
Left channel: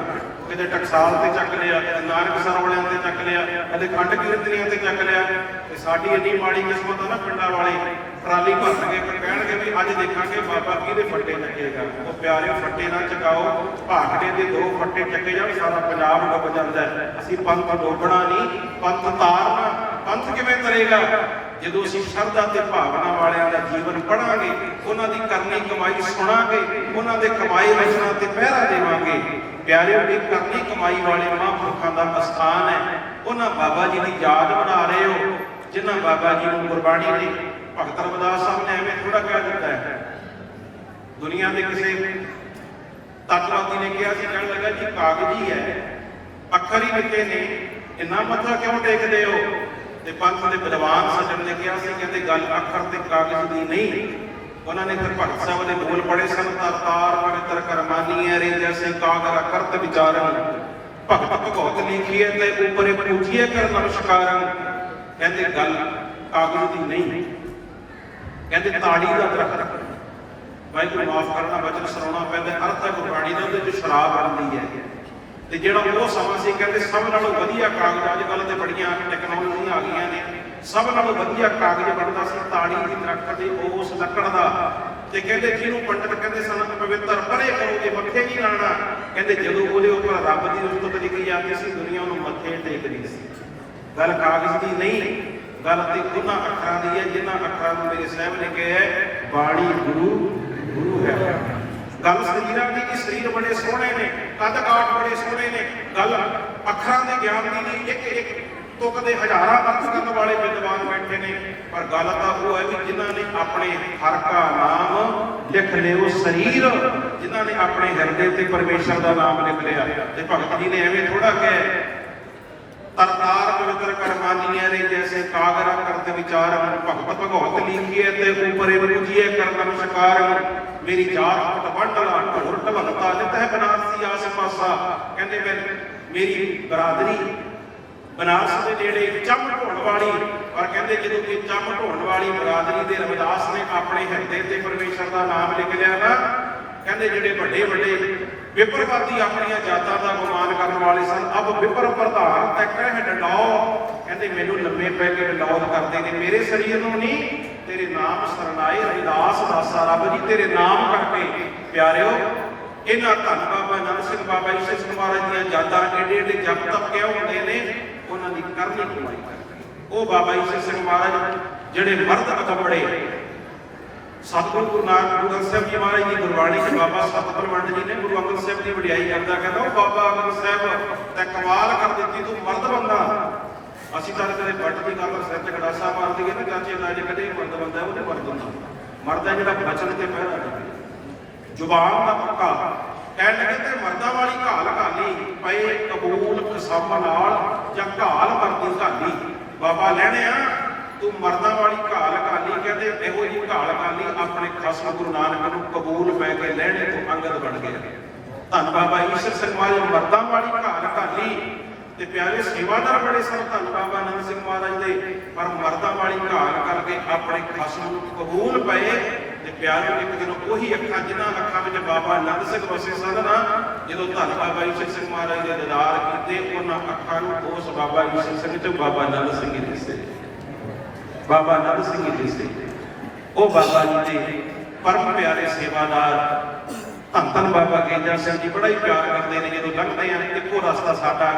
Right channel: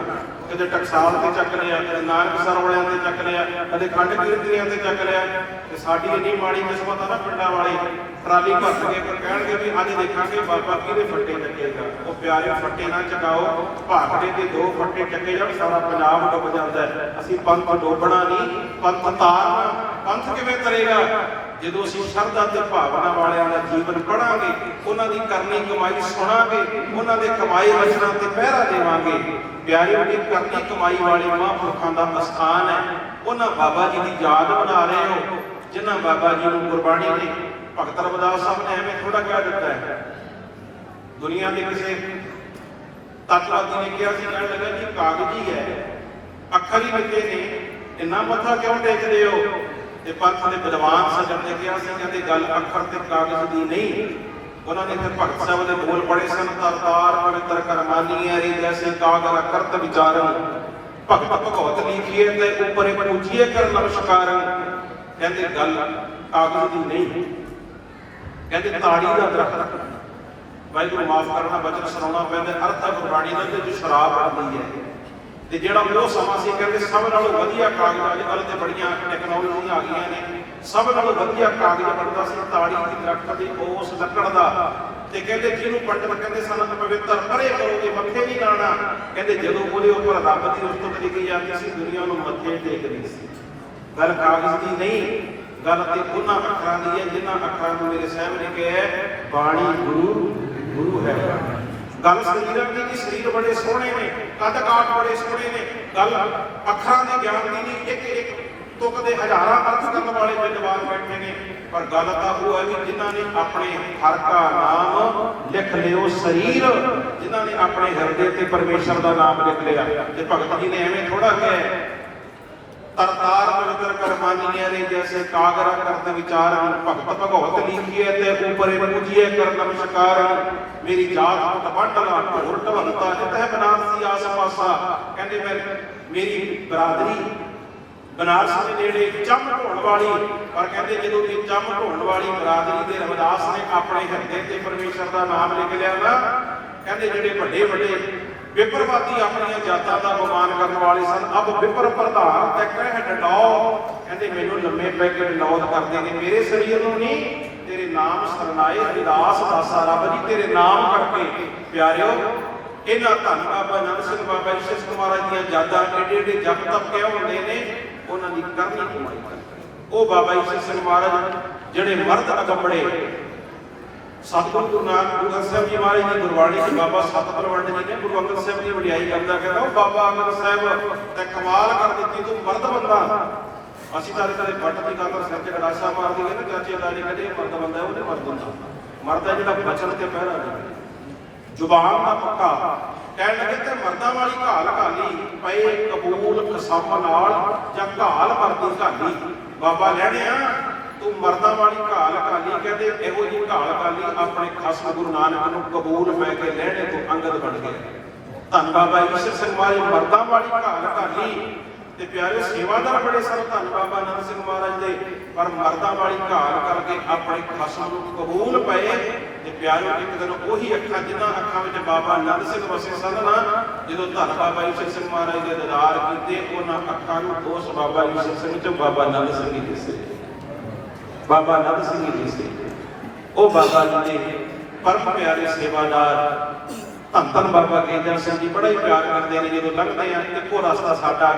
किते टकसाल से चक लिया, किते नानकसर वालियां ते चक लिया, कदे खंड कीर्तनियां ते चक लिया। ते साडी इन्नी माड़ी किस्मत है ना, पिंडां वाले ट्राली भर के कहणगे भी अज देखांगे बाबा किहदे फट्टे चकेगा। वो प्यारे फट्टे ना चकाओ, भाखड़े दे 2 फट्टे चके जाण सारा पंजाब डुब जांदा है। असीं पंथ डोबना नहीं, पंथ तारना। पंथ किवें करेगा? ਜਦੋਂ ਅਸੀਂ ਸ਼ਰਧਾ ਤੇ ਭਾਵਨਾ ਵਾਲਿਆਂ ਦਾ ਜੀਵਨ ਪੜਾਂਗੇ, ਉਹਨਾਂ ਦੀ ਕਰਨੀ ਕਮਾਈ ਸੁਣਾਂਗੇ, ਉਹਨਾਂ ਦੇ ਕਮਾਈ ਰਚਨਾ ਤੇ ਪਹਿਰਾ ਦੇਵਾਂਗੇ। ਪਿਆਰਿਓ, ਇਹ ਕਰਨੀ ਕਮਾਈ ਵਾਲੇ ਮਹਾਂਪੁਰਖਾਂ ਦਾ ਅਸਥਾਨ ਹੈ। ਉਹਨਾਂ ਬਾਬਾ ਜੀ ਦੀ ਯਾਦ ਬਣਾ ਰਹੇ ਹੋ, ਜਿਨ੍ਹਾਂ ਬਾਬਾ ਜੀ ਨੂੰ ਗੁਰਬਾਣੀ ਨੇ ਭਗਤ ਰਵਿਦਾਸ ਸਾਹਿਬ ਨੇ ਐਵੇਂ ਥੋੜਾ ਕਹਿ ਦਿੱਤਾ ਹੈ। ਦੁਨੀਆ ਦੇ ਕਿਸੇ ਤੱਤਵਾਦੀ ਨੇ ਕਿਹਾ ਸੀ, ਕਹਿਣ ਲੱਗਾ ਜੀ ਕਾਗਜ਼ੀ ਹੈ, ਅੱਖਰ ਹੀ ਲਿਖੇ ਨੇ, ਇੰਨਾ ਮੱਥਾ ਕਿਉਂ ਟੇਕਦੇ ਹੋ? ਤੇ ਪੰਥ ਦੇ ਵਿਦਵਾਨ ਸੱਜਣ ਨੇ ਕਿਹਾ ਸੀ, ਕਹਿੰਦੇ ਗੱਲ ਅੱਖਰ ਤੇ ਕਾਗਜ਼ ਦੀ ਨਹੀਂ। ਉਹਨਾਂ ਨੇ ਫਿਰ ਭਗਤ ਸਾਹਿਬ ਦੇ ਬੋਲ ਪੜ੍ਹੇ ਸਨ, ਤਰਤਾਰ ਪਵਿੱਤਰ ਕਰਮਾਨੀ ਰੇ ਜੈਸੇ ਕਾਗਰ ਅਕਰਤ ਵਿਚਾਰਨ, ਭਗਤ ਭਗਵਤ ਲਿਖੀਏ ਤੇ ਉਪਰ ਪੂਜੀਏ ਕਰ ਨਮਸਕਾਰਨ। ਕਹਿੰਦੇ ਗੱਲ ਕਾਗਜ਼ ਦੀ ਨਹੀਂ, ਕਹਿੰਦੇ ਤਾੜੀ ਦਾ ਦਰਖਤ। ਵਾਹਿਗੁਰੂ ਮਾਫ ਕਰਨਾ, ਬਚਨ ਸੁਣਾਉਣਾ ਪੈਂਦਾ, ਅਰਥ ਹੈ ਗੁਰਬਾਣੀ ਦਾ ਜੋ ਸ਼ਰਾਬ ਬਣਦੀ ਹੈ। ਤੇ ਜਿਹੜਾ ਉਹ ਸਮਾਂ ਸੀ, ਕਹਿੰਦੇ ਸਭ ਨਾਲੋਂ ਵਧੀਆ ਕਾਗਜ਼, ਅੱਜ ਕੱਲ੍ਹ ਤੇ ਬੜੀਆਂ ਟੈਕਨੋਲੋਜੀਆਂ ਆ ਗਈਆਂ ਨੇ, ਸਭ ਨਾਲੋਂ ਵਧੀਆ ਕਾਗਜ਼ ਬਣਦਾ ਸੀ ਤਾੜੀ ਦੀ ਦਰਖਤ ਦੇ ਉਸ ਲੱਕੜ ਦਾ। ਤੇ ਕਹਿੰਦੇ ਜਿਹਨੂੰ ਪੰਡਤ ਕਹਿੰਦੇ ਸਨ ਪਵਿੱਤਰ ਪਰੇ ਕਰੋਗੇ, ਮੱਥੇ ਨਹੀਂ ਲਾਣਾ। ਕਹਿੰਦੇ ਜਦੋਂ ਉਹਦੇ ਉੱਪਰ ਰੱਬ ਦੀ ਉਸਤਤ ਲਿਖੀ ਜਾਂਦੀ ਸੀ, ਦੁਨੀਆ ਨੂੰ ਮੱਥੇ ਨਹੀਂ ਟੇਕਦੀ ਸੀ। ਗੱਲ ਕਾਗਜ਼ ਦੀ ਨਹੀਂ, ਗੱਲ ਤੇ ਉਹਨਾਂ ਅੱਖਰਾਂ ਦੀ ਹੈ ਜਿਨ੍ਹਾਂ ਅੱਖਰਾਂ ਨੂੰ ਮੇਰੇ ਸਾਹਿਬ ਨੇ ਕਿਹਾ ਬਾਣੀ ਗੁਰੂ ਹੈ। ਗੱਲ ਸਰੀਰਾਂ ਦੀ, ਕਿ ਸਰੀਰ ਬੜੇ ਸੋਹਣੇ ਨੇ, ਕੱਦ ਕਾਠ ਬੜੇ ਸੋਹਣੇ ਨੇ। ਗੱਲ ਅੱਖਰਾਂ ਦੇ ਗਿਆਨ ਦੀ ਨਹੀਂ, ਇੱਕ ਇੱਕ ਤੁਕ ਦੇ ਹਜ਼ਾਰਾਂ ਅਰਥ ਕਰਨ ਵਾਲੇ ਵਿਦਵਾਨ ਬੈਠੇ ਨੇ। ਪਰ ਗੱਲ ਤਾਂ ਉਹ ਹੈ ਵੀ ਜਿਨ੍ਹਾਂ ਨੇ ਆਪਣੇ ਹਰ ਕਾ ਨਾਮ ਲਿਖ ਲਿਓ ਸਰੀਰ, ਜਿਨ੍ਹਾਂ ਨੇ ਆਪਣੇ ਹਿਰਦੇ ਤੇ ਪਰਮੇਸ਼ਰ ਦਾ ਨਾਮ ਲਿਖ ਲਿਆ। ਤੇ ਭਗਤ ਜੀ ਨੇ ਐਵੇਂ ਥੋੜਾ ਕਿਹਾ, ਤਰਤਾਰ ਪਵਿੱਤਰ ਕਰਮਾਨੀ ਰੇ ਜੈਸੇ ਕਾਗਰ ਕਰਤ ਵਿਚਾਰਨ, ਭਗਤ ਭਗਵਤ ਲਿਖੀਏ ਤੇ ਉਪਰੇ ਪੂਜੀਏ ਕਰ ਨਮਸਕਾਰਨ। ਮੇਰੀ ਜਾਤ ਮਤ ਵੰਡਲਾ ਢੋਲ ਢਵਲਤਾ ਜਿੱਤੈ ਬਨਾਰਸੀ ਆਸ ਪਾਸਾ। ਕਹਿੰਦੇ ਮੇਰੀ ਬਰਾਦਰੀ ਬਨਾਰਸ ਦੇ ਨੇੜੇ ਚੰਮ ਢੋਣ ਵਾਲੀ। ਪਰ ਕਹਿੰਦੇ ਜਦੋਂ ਇਹ ਚੰਮ ਢੋਣ ਵਾਲੀ ਬਰਾਦਰੀ ਦੇ ਰਵਿਦਾਸ ਨੇ ਆਪਣੇ ਹਿਰਦੇ ਤੇ ਪਰਮੇਸ਼ਰ ਦਾ ਨਾਮ ਲਿਖ ਲਿਆ ਨਾ, ਕਹਿੰਦੇ ਜਿਹੜੇ ਵੱਡੇ ਵੱਡੇ ਵਿਪਰਵਾਦੀ ਆਪਣੀਆਂ ਜਾਤਾਂ ਦਾ ਅਪਮਾਨ ਕਰਨ ਵਾਲੇ ਸਨ, ਅਬ ਵਿਪਰ ਪ੍ਰਧਾਨ ਤੈ ਕਹਿ ਡਡਾਉ। ਕਹਿੰਦੇ ਮੈਨੂੰ ਲੰਮੇ ਪੈ ਕੇ ਵਿਨੋਦ ਕਰਦੇ ਨੇ, ਮੇਰੇ ਸਰੀਰ ਨੂੰ ਨਹੀਂ, ਤੇਰੇ ਨਾਮ ਸਰਨਾਏ ਰਵਿਦਾਸ ਦਾਸਾ ਰੱਬ ਜੀ ਤੇਰੇ ਨਾਮ ਕਰਕੇ। ਪਿਆਰਿਓ, ਇਹਨਾਂ ਧੰਨ ਬਾਬਾ ਆਨੰਦ ਸਿੰਘ ਬਾਬਾ ਈਸ਼ਰ ਸਿੰਘ ਮਹਾਰਾਜ ਦੀਆਂ ਯਾਦਾਂ ਏਡੇ ਏਡੇ ਜਪ ਤਪ ਕਿਉਂ ਹੁੰਦੀਆਂ ਨੇ? ਉਹਨਾਂ ਦੀ ਕਰਨੀ ਕਮਾਈ ਕਰਕੇ। ਉਹ ਬਾਬਾ ਈਸ਼ਰ ਸਿੰਘ ਮਹਾਰਾਜ ਜਿਹੜੇ ਮਰਦ ਅਗੰਬੜੇ, ਸਤਿਗੁਰੂ ਗੁਰੂ ਨਾਨਕ ਗੁਰੂ ਅੰਗਦ ਸਾਹਿਬ ਜੀ ਮਹਾਰਾਜ ਦੀ ਗੁਰਬਾਣੀ ਚ ਬਾਬਾ ਸਤਿਪਰਵੰਡ ਜੀ ਨੇ ਗੁਰੂ ਅੰਗਦ ਸਾਹਿਬ ਦੀ ਵਡਿਆਈ ਕਰਦਾ ਕਹਿੰਦਾ, ਉਹ ਬਾਬਾ ਅੰਗਦ ਸਾਹਿਬ ਤੈਂ ਕਮਾਲ ਕਰ ਦਿੱਤੀ, ਤੂੰ ਮਰਦ ਬੰਦਾ। ਅਸੀਂ ਤਾਂ ਕਦੇ ਬੱਟ ਦੀ ਗੱਲ ਸਿਰ ਚ ਗੜਾਸਾ ਮਾਰ ਦਈਏ ਨਾ, ਚਾਚੇ ਦਾ ਜੀ ਕਦੇ ਮਰਦ ਬੰਦਾ, ਉਹ ਨਹੀਂ ਮਰਦ ਹੁੰਦਾ। ਮਰਦ ਹੈ ਜਿਹੜਾ ਬਚਨ ਤੇ ਪਹਿਰਾ ਨਹੀਂ, ਜ਼ੁਬਾਨ ਦਾ ਪੱਕਾ। ਕਹਿਣ ਲੱਗੇ ਤੇ ਮਰਦਾਂ ਵਾਲੀ ਘਾਲ ਘਾਲੀ ਪਏ ਕਬੂਲ ਕਸਮ ਨਾਲ, ਜਾਂ ਘਾਲ ਮਰਦੀ ਘਾਲੀ। ਬਾਬਾ ਲੈਣਿਆ ਤੂੰ ਮਰਦਾਂ ਵਾਲੀ ਘਾਲ ਘਾਲੀ। ਕਹਿੰਦੇ ਇਹੋ ਜਿਹੀ ਘਾਲ ਘਾਲੀ ਆਪਣੇ ਖਸਮ ਗੁਰੂ ਨਾਨਕ ਨੂੰ ਕਬੂਲ ਪੈ ਕੇ ਲੈਣੇ ਤੋਂ ਅੰਗਦ ਬਣ ਗਿਆ। ਧੰਨ ਬਾਬਾ ਈਸ਼ਰ ਸਿੰਘ ਮਹਾਰਾਜ ਮਰਦਾਂ ਵਾਲੀ ਘਾਲ ਘਾਲੀ। ਤੇ ਪਿਆਰੇ ਸੇਵਾਦਾਰ ਬੜੇ ਸਨ ਧੰਨ ਬਾਬਾ ਆਨੰਦ ਸਿੰਘ ਮਹਾਰਾਜ ਦੇ, ਪਰ ਮਰਦਾਂ ਵਾਲੀ ਘਾਲ ਕਰਕੇ ਆਪਣੇ ਖਸਮ ਨੂੰ ਕਬੂਲ ਪਏ। ਤੇ ਪਿਆਰੇ ਇੱਕ ਦਿਨ ਉਹੀ ਅੱਖਾਂ, ਜਿਨ੍ਹਾਂ ਅੱਖਾਂ ਵਿੱਚ ਬਾਬਾ ਆਨੰਦ ਸਿੰਘ ਵਸੇ ਸਨ ਨਾ, ਜਦੋਂ ਧੰਨ ਬਾਬਾ ਈਸ਼ਰ ਸਿੰਘ ਮਹਾਰਾਜ ਦੇ ਦੀਦਾਰ ਕੀਤੇ, ਉਹਨਾਂ ਅੱਖਾਂ ਨੂੰ ਉਸ ਬਾਬਾ ਈਸ਼ਰ ਸਿੰਘ ਚ ਬਾਬਾ ਆਨੰਦ ਸਿੰਘ ਹੀ ਦਿਸੇ। ਬਾਬਾ ਆਨੰਦ ਸਿੰਘ ਹੀ ਦਿਸੇ। ਉਹ ਬਾਬਾ ਜੀ ਦੇ ਪਰਮ ਪਿਆਰੇ ਸੇਵਾਦਾਰ ਧੰਨ ਬਾਬਾ ਗੇਜਾ ਸਿੰਘ ਜੀ ਬੜਾ ਹੀ ਪਿਆਰ ਕਰਦੇ ਨੇ। ਜਦੋਂ ਲੰਘਦੇ ਆ, ਇੱਕੋ ਰਸਤਾ ਸਾਡਾ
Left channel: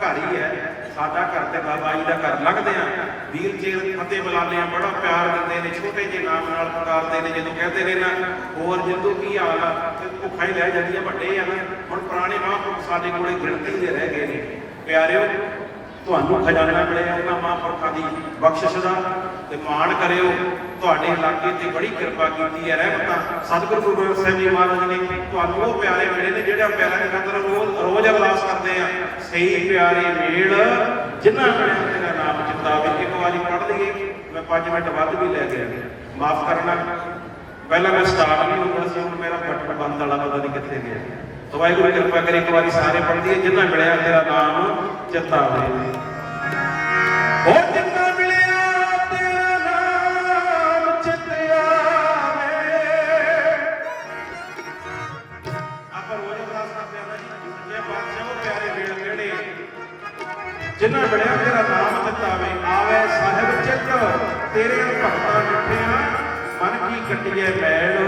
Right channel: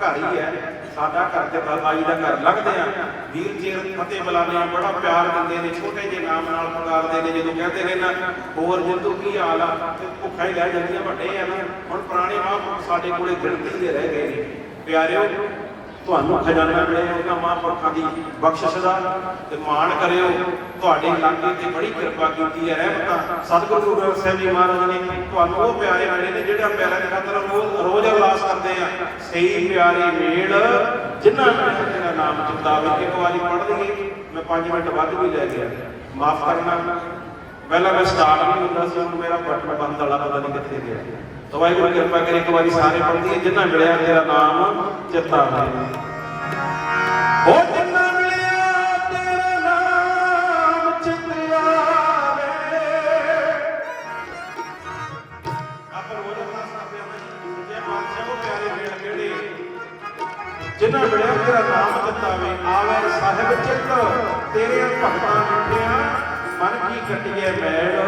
ਘਰ ਹੀ ਹੈ, ਸਾਡਾ ਘਰ ਤੇ ਬਾਬਾ ਜੀ ਦਾ ਘਰ ਲੰਘਦੇ ਆ, ਵੀਰ ਜੀ ਫਤਿਹ ਬੁਲਾਉਂਦੇ ਆ, ਬੜਾ ਪਿਆਰ ਦਿੰਦੇ ਨੇ, ਛੋਟੇ ਜਿਹੇ ਨਾਮ ਨਾਲ ਪੁਕਾਰਦੇ ਨੇ। ਜਦੋਂ ਕਹਿੰਦੇ ਨੇ ਨਾ ਹੋਰ ਜਿੰਦੂ ਕੀ ਹਾਲ ਆ, ਤੇ ਭੁੱਖਾ ਹੀ ਲੈ ਜਾਂਦੀਆਂ, ਵੱਡੇ ਆ ਨਾ। ਹੁਣ ਪੁਰਾਣੇ ਮਹਾਂਪੁਰਖ ਸਾਡੇ ਕੋਲੇ ਗਿਣਤੀ ਦੇ ਰਹਿ ਗਏ ਨੇ। ਪਿਆਰਿਓ, ਤੁਹਾਨੂੰ ਖਜ਼ਾਨਾ ਮਿਲਿਆ ਉਹਨਾਂ ਮਹਾਂਪੁਰਖਾਂ ਦੀ ਬਖਸ਼ਿਸ਼ ਦਾ, ਤੇ ਮਾਣ ਕਰਿਓ। ਤੁਹਾਡੇ ਇਲਾਕੇ ਤੇ ਬੜੀ ਕਿਰਪਾ ਕੀਤੀ ਹੈ ਰਹਿਮਤਾਂ। ਸਤਿਗੁਰੂ ਗੁਰੂ ਗ੍ਰੰਥ ਸਾਹਿਬ ਜੀ ਮਹਾਰਾਜ ਨੇ ਤੁਹਾਨੂੰ ਉਹ ਪਿਆਰੇ ਮਿਲੇ ਨੇ ਜਿਹੜਾ ਪਿਆਰਿਆਂ ਦੀ ਖਾਤਰ ਰੋਜ਼ ਅਰਦਾਸ ਕਰਦੇ ਆ, ਸਹੀ ਪਿਆਰੇ ਮੇਲ ਜਿਨ੍ਹਾਂ ਪਿਆਰਿਆਂ ਦਾ ਨਾਮ ਚਿਤਾਵੇ। ਇੱਕ ਵਾਰੀ ਪੜ੍ਹ ਲਈਏ, ਮੈਂ 5 ਮਿੰਟ ਵੱਧ ਵੀ ਲੈ ਗਿਆ, ਮਾਫ ਕਰਨਾ। ਪਹਿਲਾਂ ਮੈਂ ਸਟਾਰਟ ਨਹੀਂ ਹੁੰਦਾ ਸੀ, ਹੁਣ ਮੇਰਾ ਬਟਨ ਬੰਦ ਵਾਲਾ ਪਤਾ ਨਹੀਂ ਕਿੱਥੇ ਗਿਆ। ਤਾਂ ਵਾਹਿਗੁਰੂ ਕਿਰਪਾ ਕਰੀ ਇੱਕ ਵਾਰੀ ਸਾਰੇ ਪੜ੍ਹ ਲਈਏ, ਜਿਨ੍ਹਾਂ ਮਿਲਿਆ ਤੇਰਾ ਨਾਮ ਚਿਤਾਵੇ। तेरे भगतां मिठिया मन की कटिए मैल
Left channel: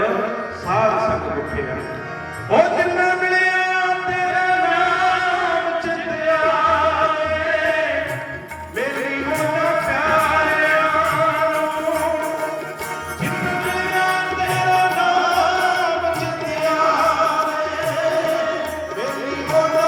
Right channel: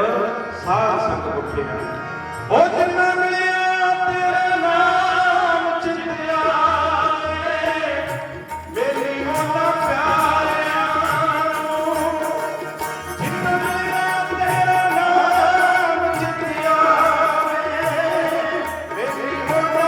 साध संग मिठिया ओ जिन्ना मिलिया तेरा नाम चित आवे मेरी होना प्यारिया जिन्ना मिलिया तेरा नाम चित आवे मेरी होना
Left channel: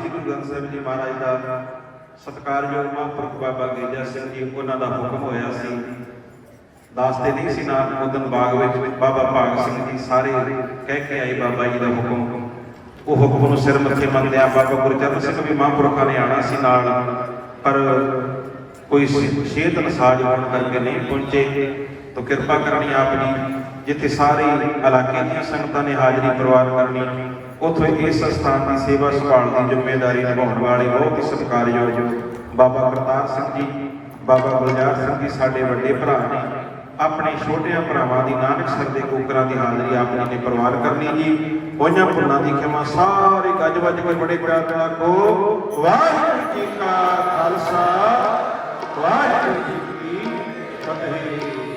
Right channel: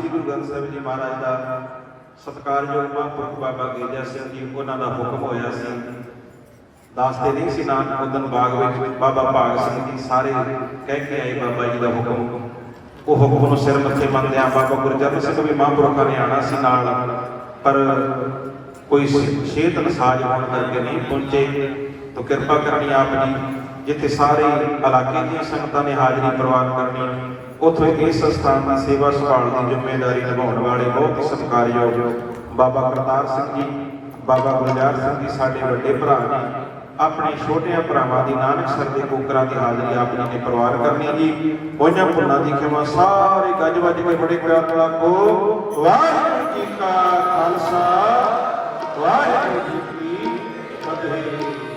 ਸ੍ਰੀ ਗੁਰੂ ਗ੍ਰੰਥ ਸਾਹਿਬ ਜੀ ਮਹਾਰਾਜ ਦਾ ਸਤਿਕਾਰਯੋਗ ਮਹਾਂਪੁਰਖ ਬਾਬਾ ਗੇਜਾ ਸਿੰਘ ਜੀ, ਉਹਨਾਂ ਦਾ ਹੁਕਮ ਹੋਇਆ ਸੀ, ਦਾਸਤੇ ਨਹੀਂ ਸੀ ਨਾਲ ਉਦਨ ਬਾਗ ਵਿੱਚ ਬਾਬਾ ਭਾਗ ਸਿੰਘ ਜੀ ਸਾਰੇ ਕਹਿ ਕੇ ਆਏ ਬਾਬਾ ਜੀ ਦਾ ਹੁਕਮ। ਉਹ ਹੁਕਮ ਨੂੰ ਸਿਰ ਮੱਥੇ ਮੰਨਦਿਆਂ ਬਾਬਾ ਗੁਰਜਨ ਸਿੰਘ ਵੀ ਮਹਾਂਪੁਰਖਾਂ ਨੇ ਆਉਣਾ ਸੀ ਨਾਲ, ਪਰ ਕੋਈ ਸਿਹਤ ਨਸਾਜ ਹੋਣ ਕਰਕੇ ਨਹੀਂ ਪਹੁੰਚੇ। ਤਾਂ ਕਿਰਪਾ ਕਰਨੀ ਆਪ ਜੀ, ਜਿੱਥੇ ਸਾਰੇ ਇਲਾਕੇ ਦੀਆਂ ਸੰਗਤਾਂ ਨੇ ਹਾਜ਼ਰੀ ਪ੍ਰਵਾਨ ਕਰਨੀ, ਉੱਥੋਂ ਇਸ ਸਥਾਨ ਦੀ ਸੇਵਾ ਸੰਭਾਲ ਦੀ ਜ਼ਿੰਮੇਵਾਰੀ ਨਿਭਾਉਣ ਵਾਲੇ ਬਹੁਤ ਹੀ ਸਤਿਕਾਰਯੋਗ ਬਾਬਾ ਕਰਤਾਰ ਸਿੰਘ ਜੀ, ਬਾਬਾ ਗੁਰਜਾਰ ਸਿੰਘ ਜੀ ਸਾਡੇ ਵੱਡੇ ਭਰਾ ਨੇ। ਆਪਣੇ ਛੋਟਿਆਂ ਭਰਾਵਾਂ ਦੀ ਨਾਨਕਸਰ ਦੇ ਕੂਕਰਾਂ ਦੀ ਹਾਜ਼ਰੀ ਆਪ ਜੀ ਨੇ ਪ੍ਰਵਾਨ ਕਰਨੀ ਜੀ। ਉਹਨਾਂ ਭੁੱਲਾਂ ਦੀ ਖਿਮਾ ਸਾਰੇ ਗੱਜ ਵੱਜ ਕੇ ਬੜੇ ਪਿਆਰ ਨਾਲ ਕੋ ਵਾਹਿਗੁਰੂ।